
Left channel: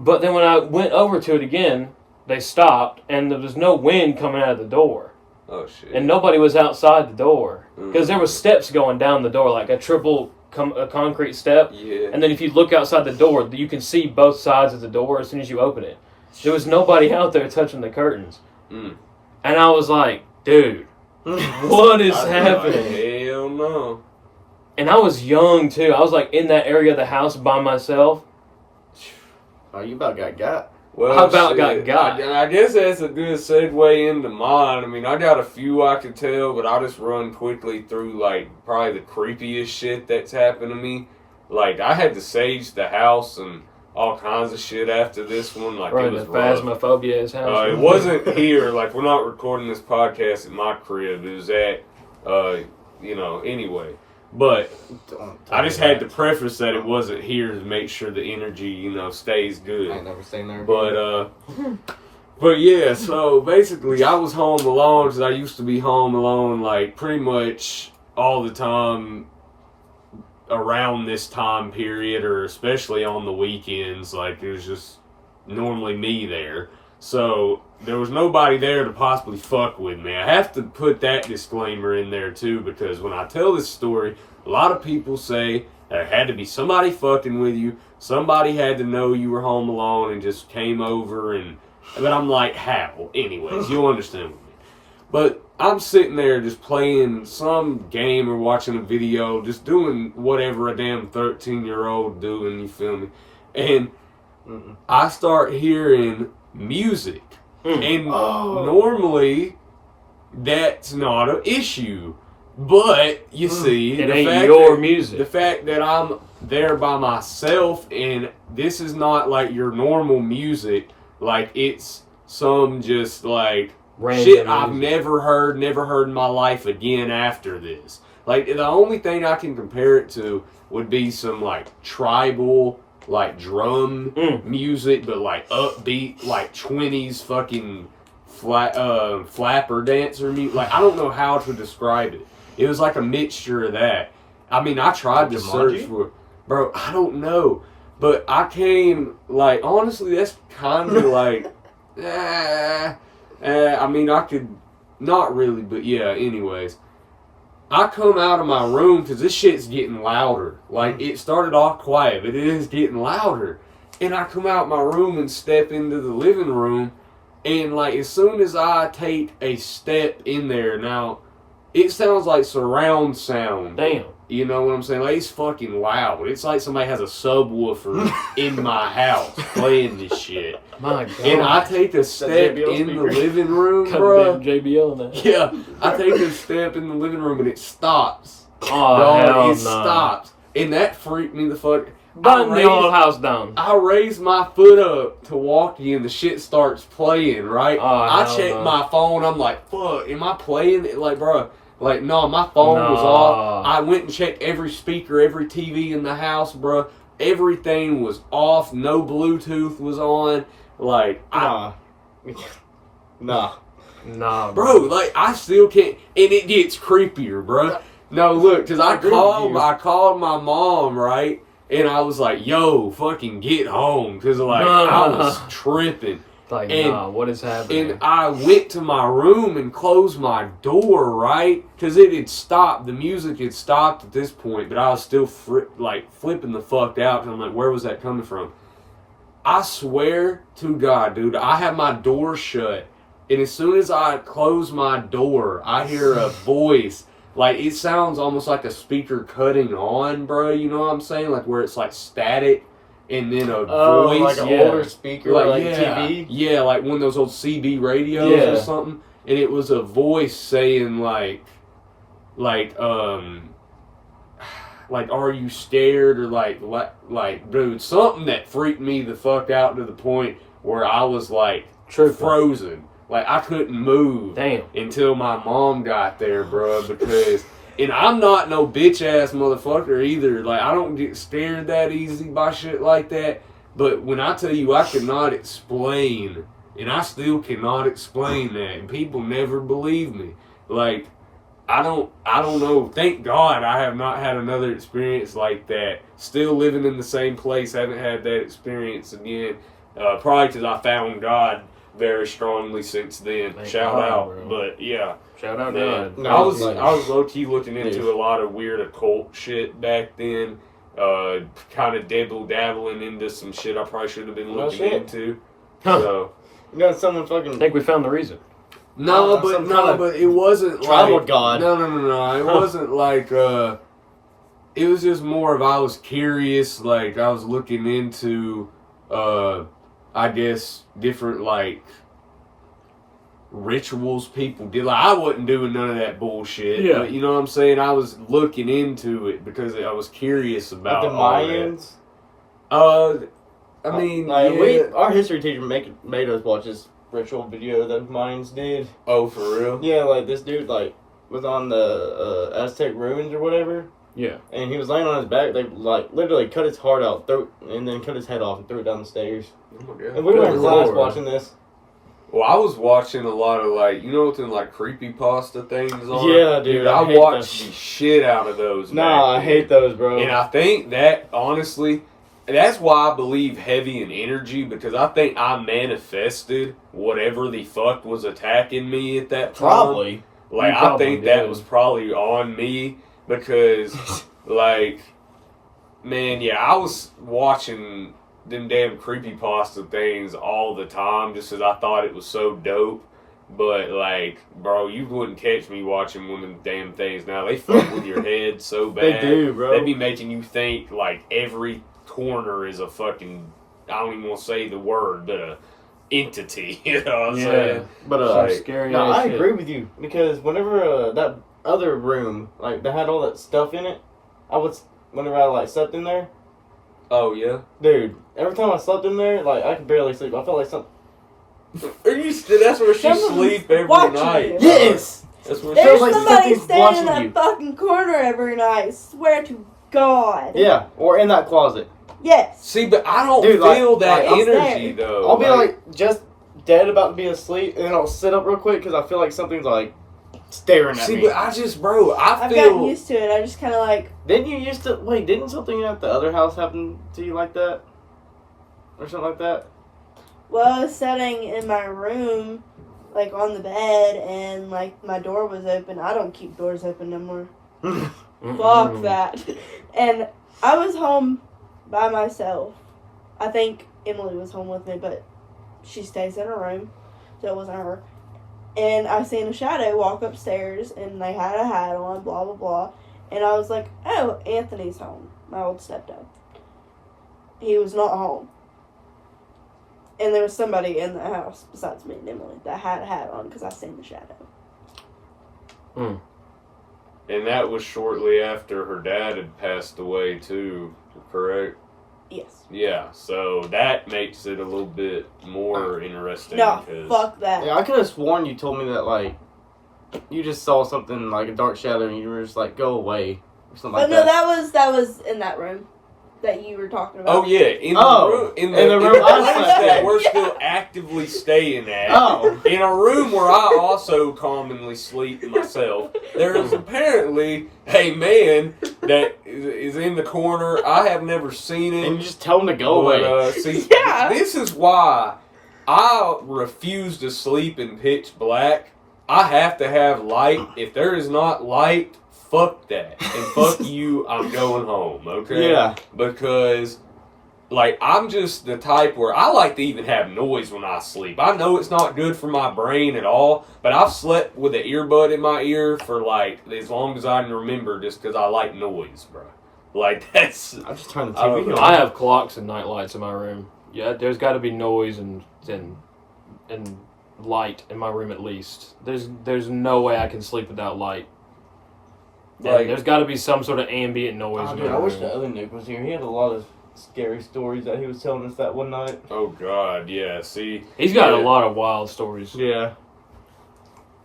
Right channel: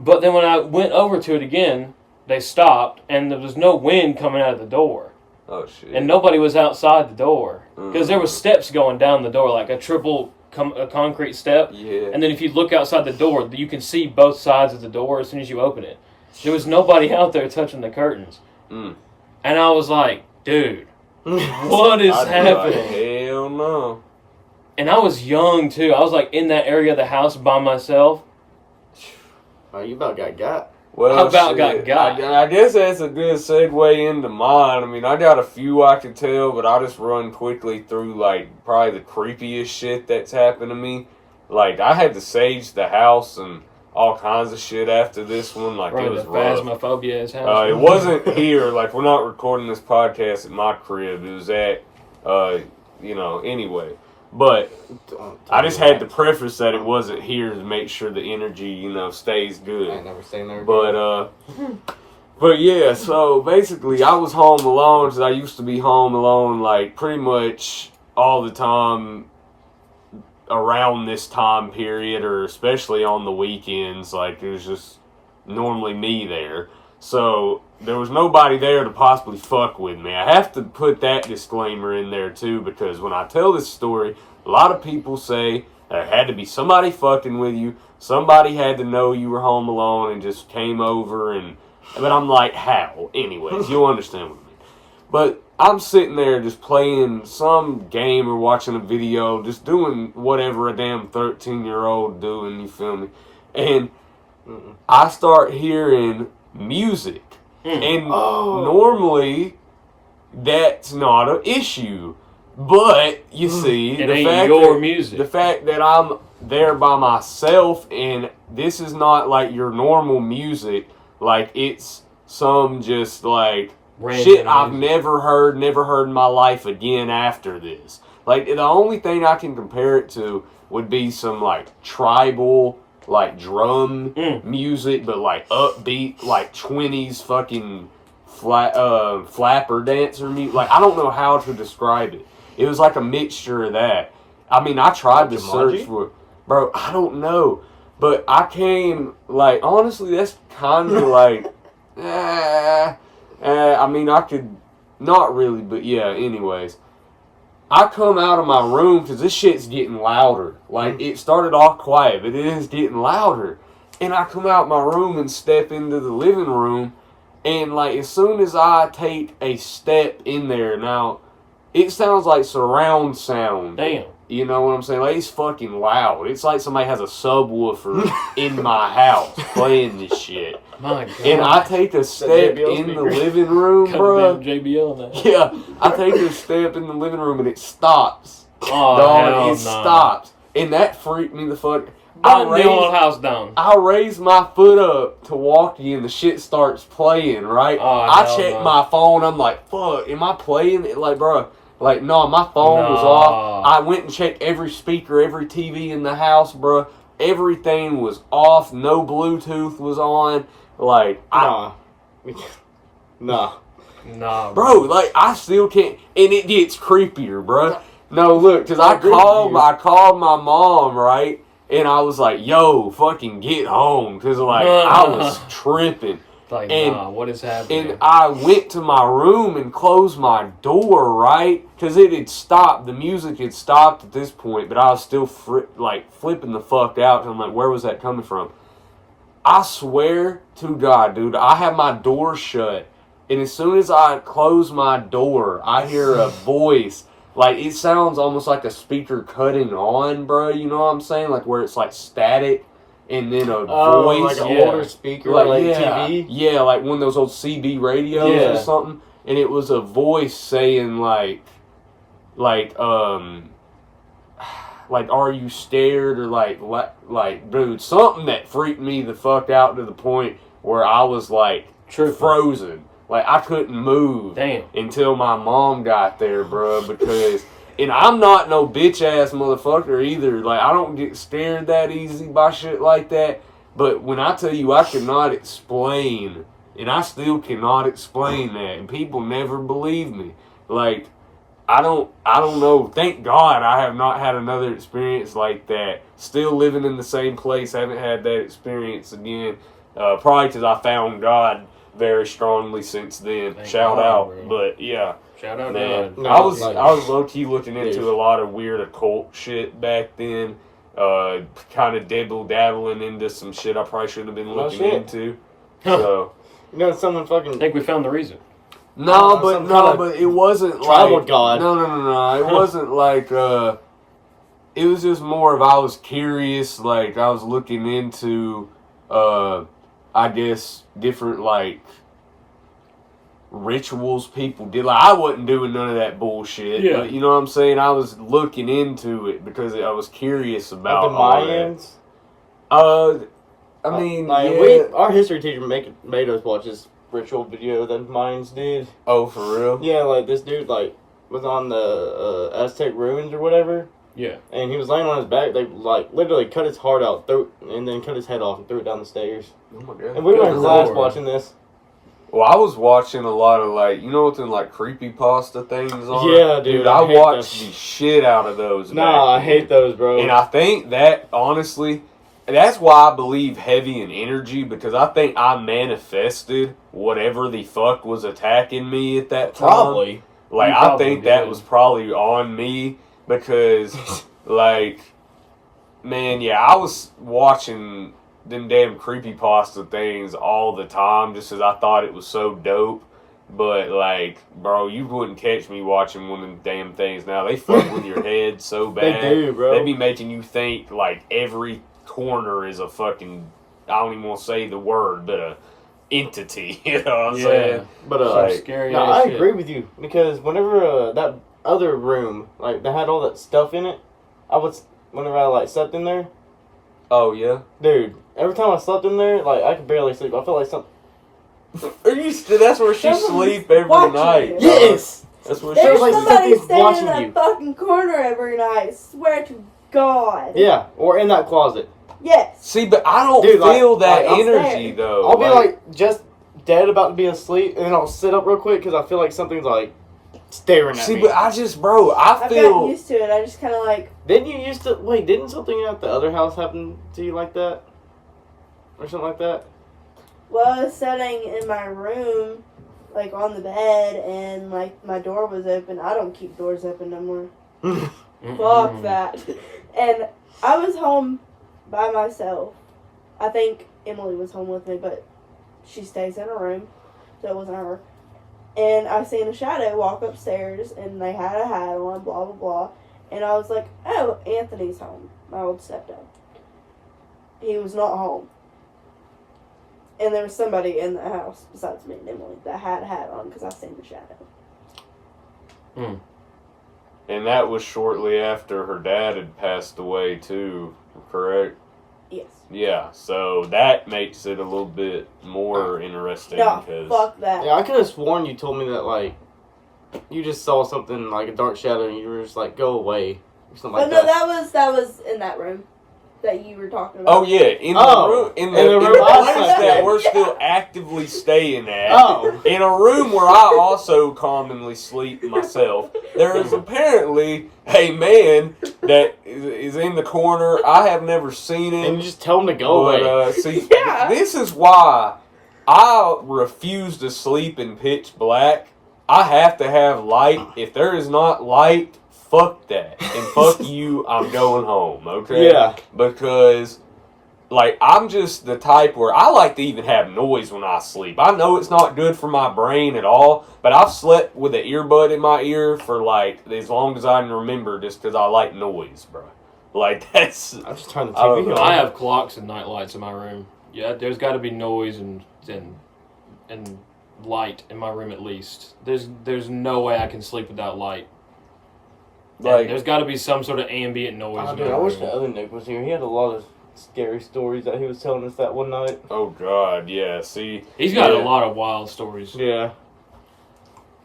But then when I went over to it again, they stopped, and there was no wind coming out of the door. Oh, shit. And nobody was outside the door. Because there was steps going down the door, like a concrete step. Yeah. And then if you look outside the door, you can see both sides of the door as soon as you open it. There was nobody out there touching the curtains. Mm. And I was like, dude, what is I'd be happening? like, hell no. And I was young, too. I was, like, in that area of the house by myself. Oh, you about got. Well, How about shit, got? I guess that's a good segue into mine. I mean, I got a few I could tell, but I'll just run quickly through, like, probably the creepiest shit that's happened to me. Like, I had to sage the house and all kinds of shit after this one. Like, Bro, it was the rough. phasmophobia is house. It wasn't here. Like, we're not recording this podcast at my crib. It was at, anyway. But Don't I tell just me had to that. preface that it wasn't here to make sure the energy, stays good. I ain't never seen there. But yeah, so basically I was home alone because I used to be home alone like pretty much all the time around this time period, or especially on the weekends. Like, there's just normally me there. So there was nobody there to possibly fuck with me. I have to put that disclaimer in there too, because when I tell this story, a lot of people say there had to be somebody fucking with you. Somebody had to know you were home alone and just came over but I'm like, how? Anyways, you'll understand what I mean. But I'm sitting there just playing some game or watching a video, just doing whatever a damn 13-year-old doing, you feel me? And I start hearing music. And normally, that's not an issue. But, you see, the fact that I'm there by myself, and this is not like your normal music, like it's some just like random shit I've music. never heard in my life again after this. Like, the only thing I can compare it to would be some like tribal, like drum music, but like upbeat, like 20s fucking flapper dancer music. Like, I don't know how to describe it. It was like a mixture of that. I mean, I tried to search for, bro, I don't know. But I came, like, honestly, that's kind of like, I mean, I could, not really, but yeah, anyways. I come out of my room because this shit's getting louder. Like, it started off quiet, but it is getting louder. And I come out my room and step into the living room, and, like, as soon as I take a step in there, now, it sounds like surround sound. Damn. You know what I'm saying? Like, it's fucking loud. It's like somebody has a subwoofer in my house playing this shit. My God. And I take a step JBL in the speaker. living room, bro. Damn JBL in that. Yeah, I take a step in the living room and it stops. Oh, Dog, hell it stops. And that freaked me the fuck. Burn the old house down. I raise my foot up to walk in, the shit starts playing, right? Oh, I hell check no. my phone, I'm like, fuck, am I playing it? Like, bro, like, no, my phone was off. I went and checked every speaker, every TV in the house, bro. Everything was off, no Bluetooth was on. Like, Nah. Nah, bro, like, I still can't, and it gets creepier, bro. No, look, because I agree with called you. my mom, right? And I was like, yo, fucking get home. Because, like, I was tripping. Like, And- nah, what is happening? And I went to my room and closed my door, right? Because it had stopped. The music had stopped at this point, but I was still, flipping the fuck out. And I'm like, where was that coming from? I swear to God, dude, I have my door shut. And as soon as I close my door, I hear a voice. Like, it sounds almost like a speaker cutting on, bro. You know what I'm saying? Like, where it's, like, static and then a voice. Like an Yeah. older speaker, like yeah, TV. Yeah, like one of those old CB radios Yeah. or something. And it was a voice saying, like, are you scared? Or, like, dude, something that freaked me the fuck out to the point where I was, like, frozen. Like, I couldn't move. Damn. Until my mom got there, bro, because, and I'm not no bitch-ass motherfucker either, like, I don't get scared that easy by shit like that, but when I tell you I cannot explain, and I still cannot explain that, and people never believe me, like, I don't know, thank God I have not had another experience like that, still living in the same place, haven't had that experience again, probably because I found God very strongly since then. Thank Shout God, out, bro. but yeah, Shout out, man. man. No, I was like- low key looking into a lot of weird occult shit back then. Kind of dabbling into some shit I probably should have been No looking shit. into. So You know, someone I fucking. think we found the reason. no, Some kind of but it wasn't tribal like, god. No. It wasn't like. It was just more of I was curious. Like I was looking into. I guess different like rituals people did. Like I wasn't doing none of that bullshit. Yeah. But, you know what I'm saying? I was looking into it because I was curious about Like the all Mayans. that. I mean, Like, yeah. our history teacher made us watch this ritual video that Mayans did. Oh, for real? Yeah, like this dude like was on the Aztec ruins or whatever. Yeah. And he was laying on his back. They like literally cut his heart out, and then cut his head off and threw it down the stairs. Oh my god. And we were in Good class Lord. watching this. Well, I was watching a lot of like, you know what them like creepypasta things on? Yeah, dude, I hate watched that. the shit out of those. Nah, back I hate those, bro. And I think that, honestly, that's why I believe heavy in energy, because I think I manifested whatever the fuck was attacking me at that time. Probably. Like, You I probably think that did. was probably on me, because, like, man, yeah, I was watching them damn creepypasta things all the time just because I thought it was so dope. But, like, bro, you wouldn't catch me watching one of them damn things now. They fuck with your head so bad. They do, bro. They be making you think, like, every corner is a fucking, I don't even want to say the word, but a entity. You know what I'm saying? But Like, Scary no, ass I shit. agree with you because whenever that other room, like they had all that stuff in it, whenever I like slept in there, Oh, yeah? dude. Every time I slept in there, like I could barely sleep. I felt like something. Are you? That's where she Someone's sleep every watching night. you. Yes. That's where It she feels There's like somebody something's standing watching in that you. fucking corner every night. Swear to God. Yeah, or in that closet. Yes. See, but I don't Dude, like- feel that like, I'm energy, scared. though. I'll be like just dead about to be asleep, and then I'll sit up real quick because I feel like something's like staring at see, me. but I just, bro, I I've gotten feel. used to it. I just kind of like, Didn't you used to wait? Didn't something at the other house happen to you like that, or something like that? well, I was sitting in my room, like on the bed, and like my door was open. I don't keep doors open no more. Fuck that. And I was home by myself. I think Emily was home with me, but she stays in her room, so it wasn't her. And I was seeing a shadow walk upstairs, and they had a hat on, blah, blah, blah. And I was like, oh, Anthony's home, my old stepdad. He was not home. And there was somebody in the house besides me and Emily that had a hat on because I seen the shadow. And that was shortly after her dad had passed away, too, correct? Yes. Yeah, so that makes it a little bit more interesting. No, because fuck that. Yeah, I could have sworn you told me that like you just saw something like a dark shadow and you were just like go away or something like But no, that. that was in that room that you were talking about. Oh, yeah, in the Oh, room, in the room I place slept that in. we're Yeah. still actively staying at. Oh. In a room where I also commonly sleep myself, there is apparently a man that is in the corner. I have never seen him. And you just tell them to go But, away. see, Yeah. this is why I refuse to sleep in pitch black. I have to have light. If there is not light, fuck that. And fuck you, I'm going home, okay? Yeah. Because, like, I'm just the type where I like to even have noise when I sleep. I know it's not good for my brain at all, but I've slept with an earbud in my ear for, like, as long as I can remember just because I like noise, bro. Like, that's... I just turned the I don't TV know. on. I have clocks and night lights in my room. Yeah, there's got to be noise and light in my room at least. There's no way I can sleep without light. Like, There's got to be some sort of ambient noise. Oh, in dude, my I wish room. the other Nick was here. He had a lot of scary stories that he was telling us that one night. oh, God, yeah, see... He's got Yeah. a lot of wild stories. Yeah.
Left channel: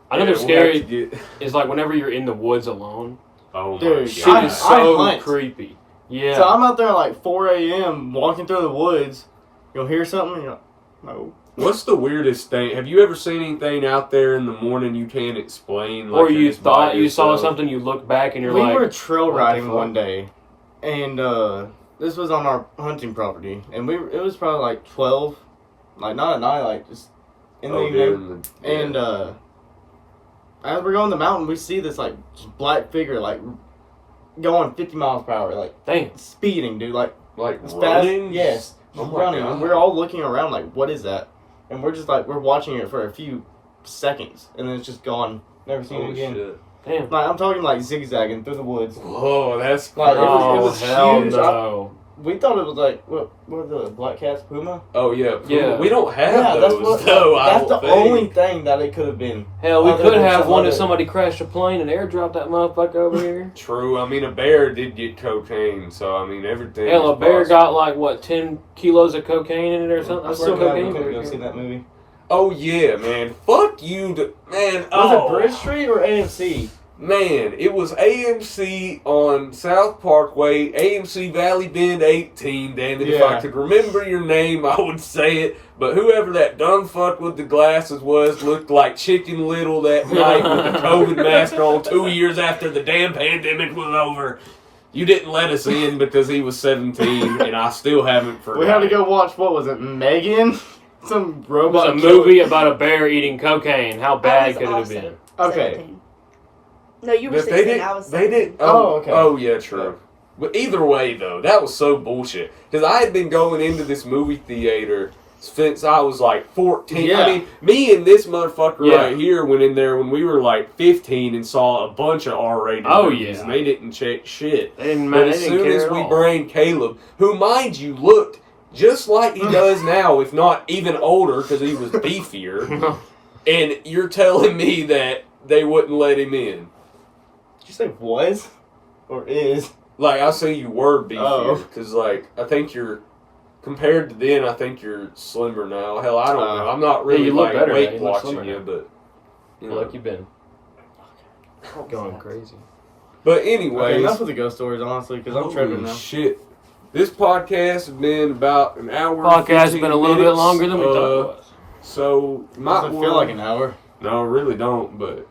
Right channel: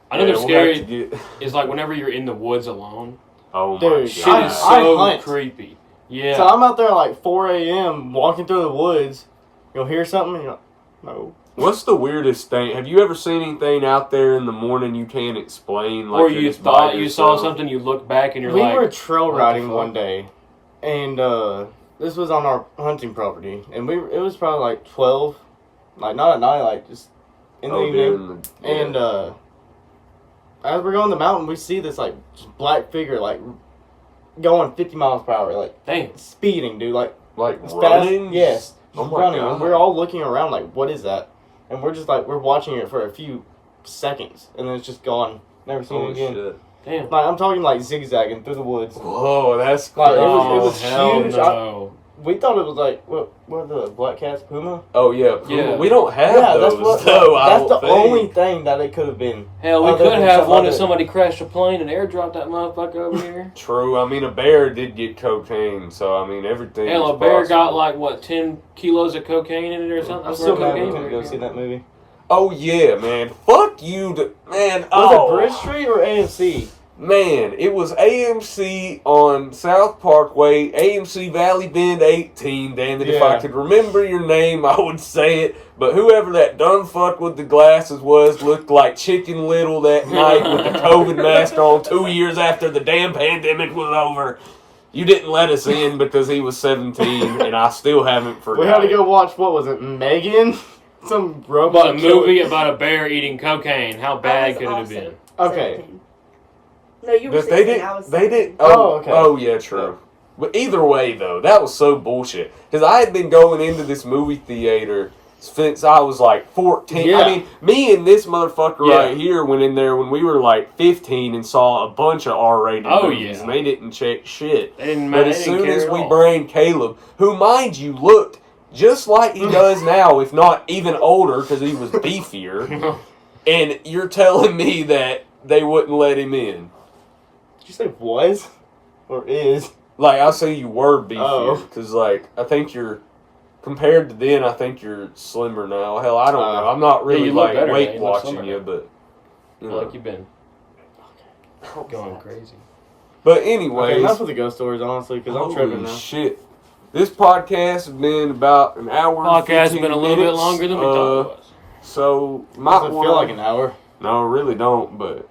I know Yeah, they're we'll scary. have to get- Is like whenever you're in the woods alone. Oh, my Dude, Shit God. is I so hunt. creepy. Yeah. So I'm out there at like 4 a.m. walking through the woods. You'll hear something and you're like, no. What's the weirdest thing? Have you ever seen anything out there in the morning you can't explain? Like or you it's by thought you saw yourself? something, you look back and you're We like, were trail what the riding fuck? one day, and this was on our hunting property, and it was probably like 12, like not at night, like just in the evening. during the- yeah. And as we're going the mountain, we see this like just black figure like going 50 miles per hour, like dang. speeding, dude, like like as running? fast. Yes, Oh my running, God. and we're all looking around like, what is that? And we're just like we're watching it for a few seconds, and then it's just gone. Never seen it Holy again. shit. Damn. Like I'm talking like zigzagging through the woods. Whoa, that's Like, it crazy. was hell huge. No. We thought it was like what are the black cats, puma? Oh yeah, Puma. Yeah. We don't have Yeah, that's those. what. though, I That's the don't think. only thing that it could have been. Hell, we Other could than have some one if other- somebody crashed a plane and airdropped that motherfucker over here. True. I mean, a bear did get cocaine, so I mean everything. Hell, is a bear got possible. like, what, 10 kilos of cocaine in it or something? I'm I still swear glad we cocaine. couldn't go see that movie. Oh yeah, man. Fuck you, man. Was Oh. it Bridge Street or AMC? Man, it was AMC on South Parkway, AMC Valley Bend 18. Damn it, if I Yeah. could remember your name, I would say it. But whoever that dumb fuck with the glasses was looked like Chicken Little that night with the COVID mask on 2 years after the damn pandemic was over. You didn't let us in because he was 17, and I still haven't forgotten. We had to go watch, what was it, Megan? Some About robot a movie about a bear eating cocaine. How I bad was could it have also been? Okay. 17. No, you were But 16. I was they 17. did. Oh, okay. Oh, yeah, true. But either way, though, that was so bullshit. Because I had been going into this movie theater since I was like 14. Yeah. I mean, me and this motherfucker Yeah. right here went in there when we were like 15 and saw a bunch of R-rated Oh, movies, yeah. and they didn't check shit. They didn't But matter. as They didn't soon care as at we all. bring Caleb, who, mind you, looked just like he does now, if not even older, because he was beefier, and you're telling me that they wouldn't let him in. Did you say was? Or is? Like, I'll say you were beefier, Oh. because, like, I think you're, compared to then, I think you're slimmer now. Hell, I don't know. I'm not really, you look like, better now. weight You look watching slimmer you, now. but, you know. Like you've been going crazy. But anyways. Okay, enough of the ghost stories, honestly, because I'm tripping now. Shit. This podcast has been about an hour. Podcast has 15 been a little bit minutes. longer than we thought it was. So, might Doesn't wanna, feel like an hour. No, really don't, but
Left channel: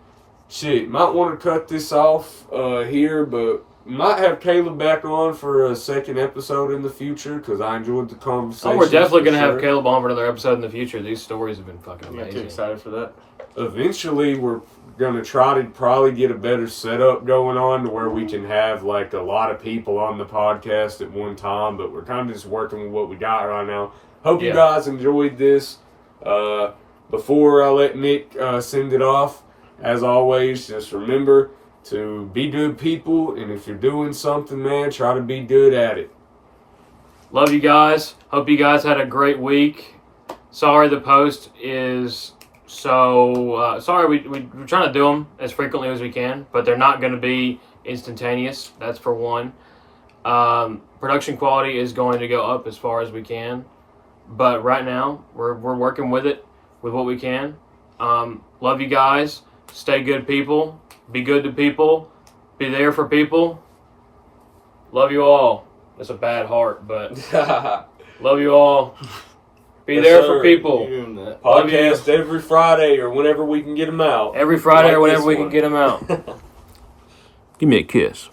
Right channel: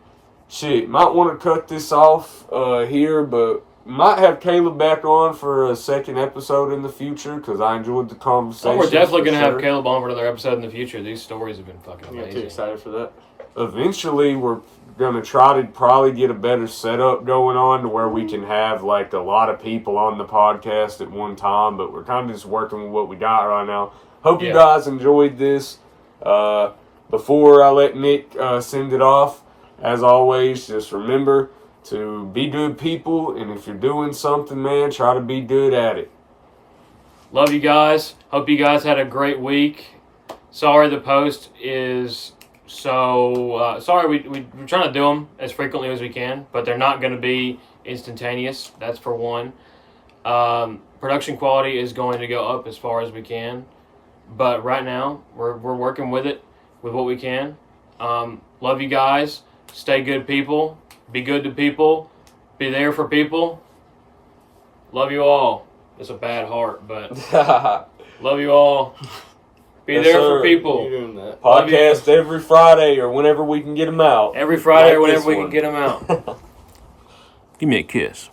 shit, might want to cut this off here, but might have Caleb back on for a second episode in the future because I enjoyed the conversation. Oh, we're definitely going to for have Caleb on for another episode in the future. These stories have been fucking I'm too amazing. excited for that. Eventually, we're going to try to probably get a better setup going on to where we can have like a lot of people on the podcast at one time, but we're kind of just working with what we got right now. Hope you Yeah. guys enjoyed this. Before I let Nick send it off, as always, just remember to be good people, and if you're doing something, man, try to be good at it. Love you guys. Hope you guys had a great week. Sorry the post is so... sorry, we're trying to do them as frequently as we can, but they're not going to be instantaneous. That's for one. Production quality is going to go up as far as we can. But right now, we're working with it, with what we can. Love you guys. Stay good people. Be good to people. Be there for people. Love you all. It's a bad heart, but love you all. Be Yes, there sir. for people. You're doing that. Love you. Podcast every Friday or whenever we can get them out. Every Friday Like or whenever this we one. can get them out. Give me a kiss.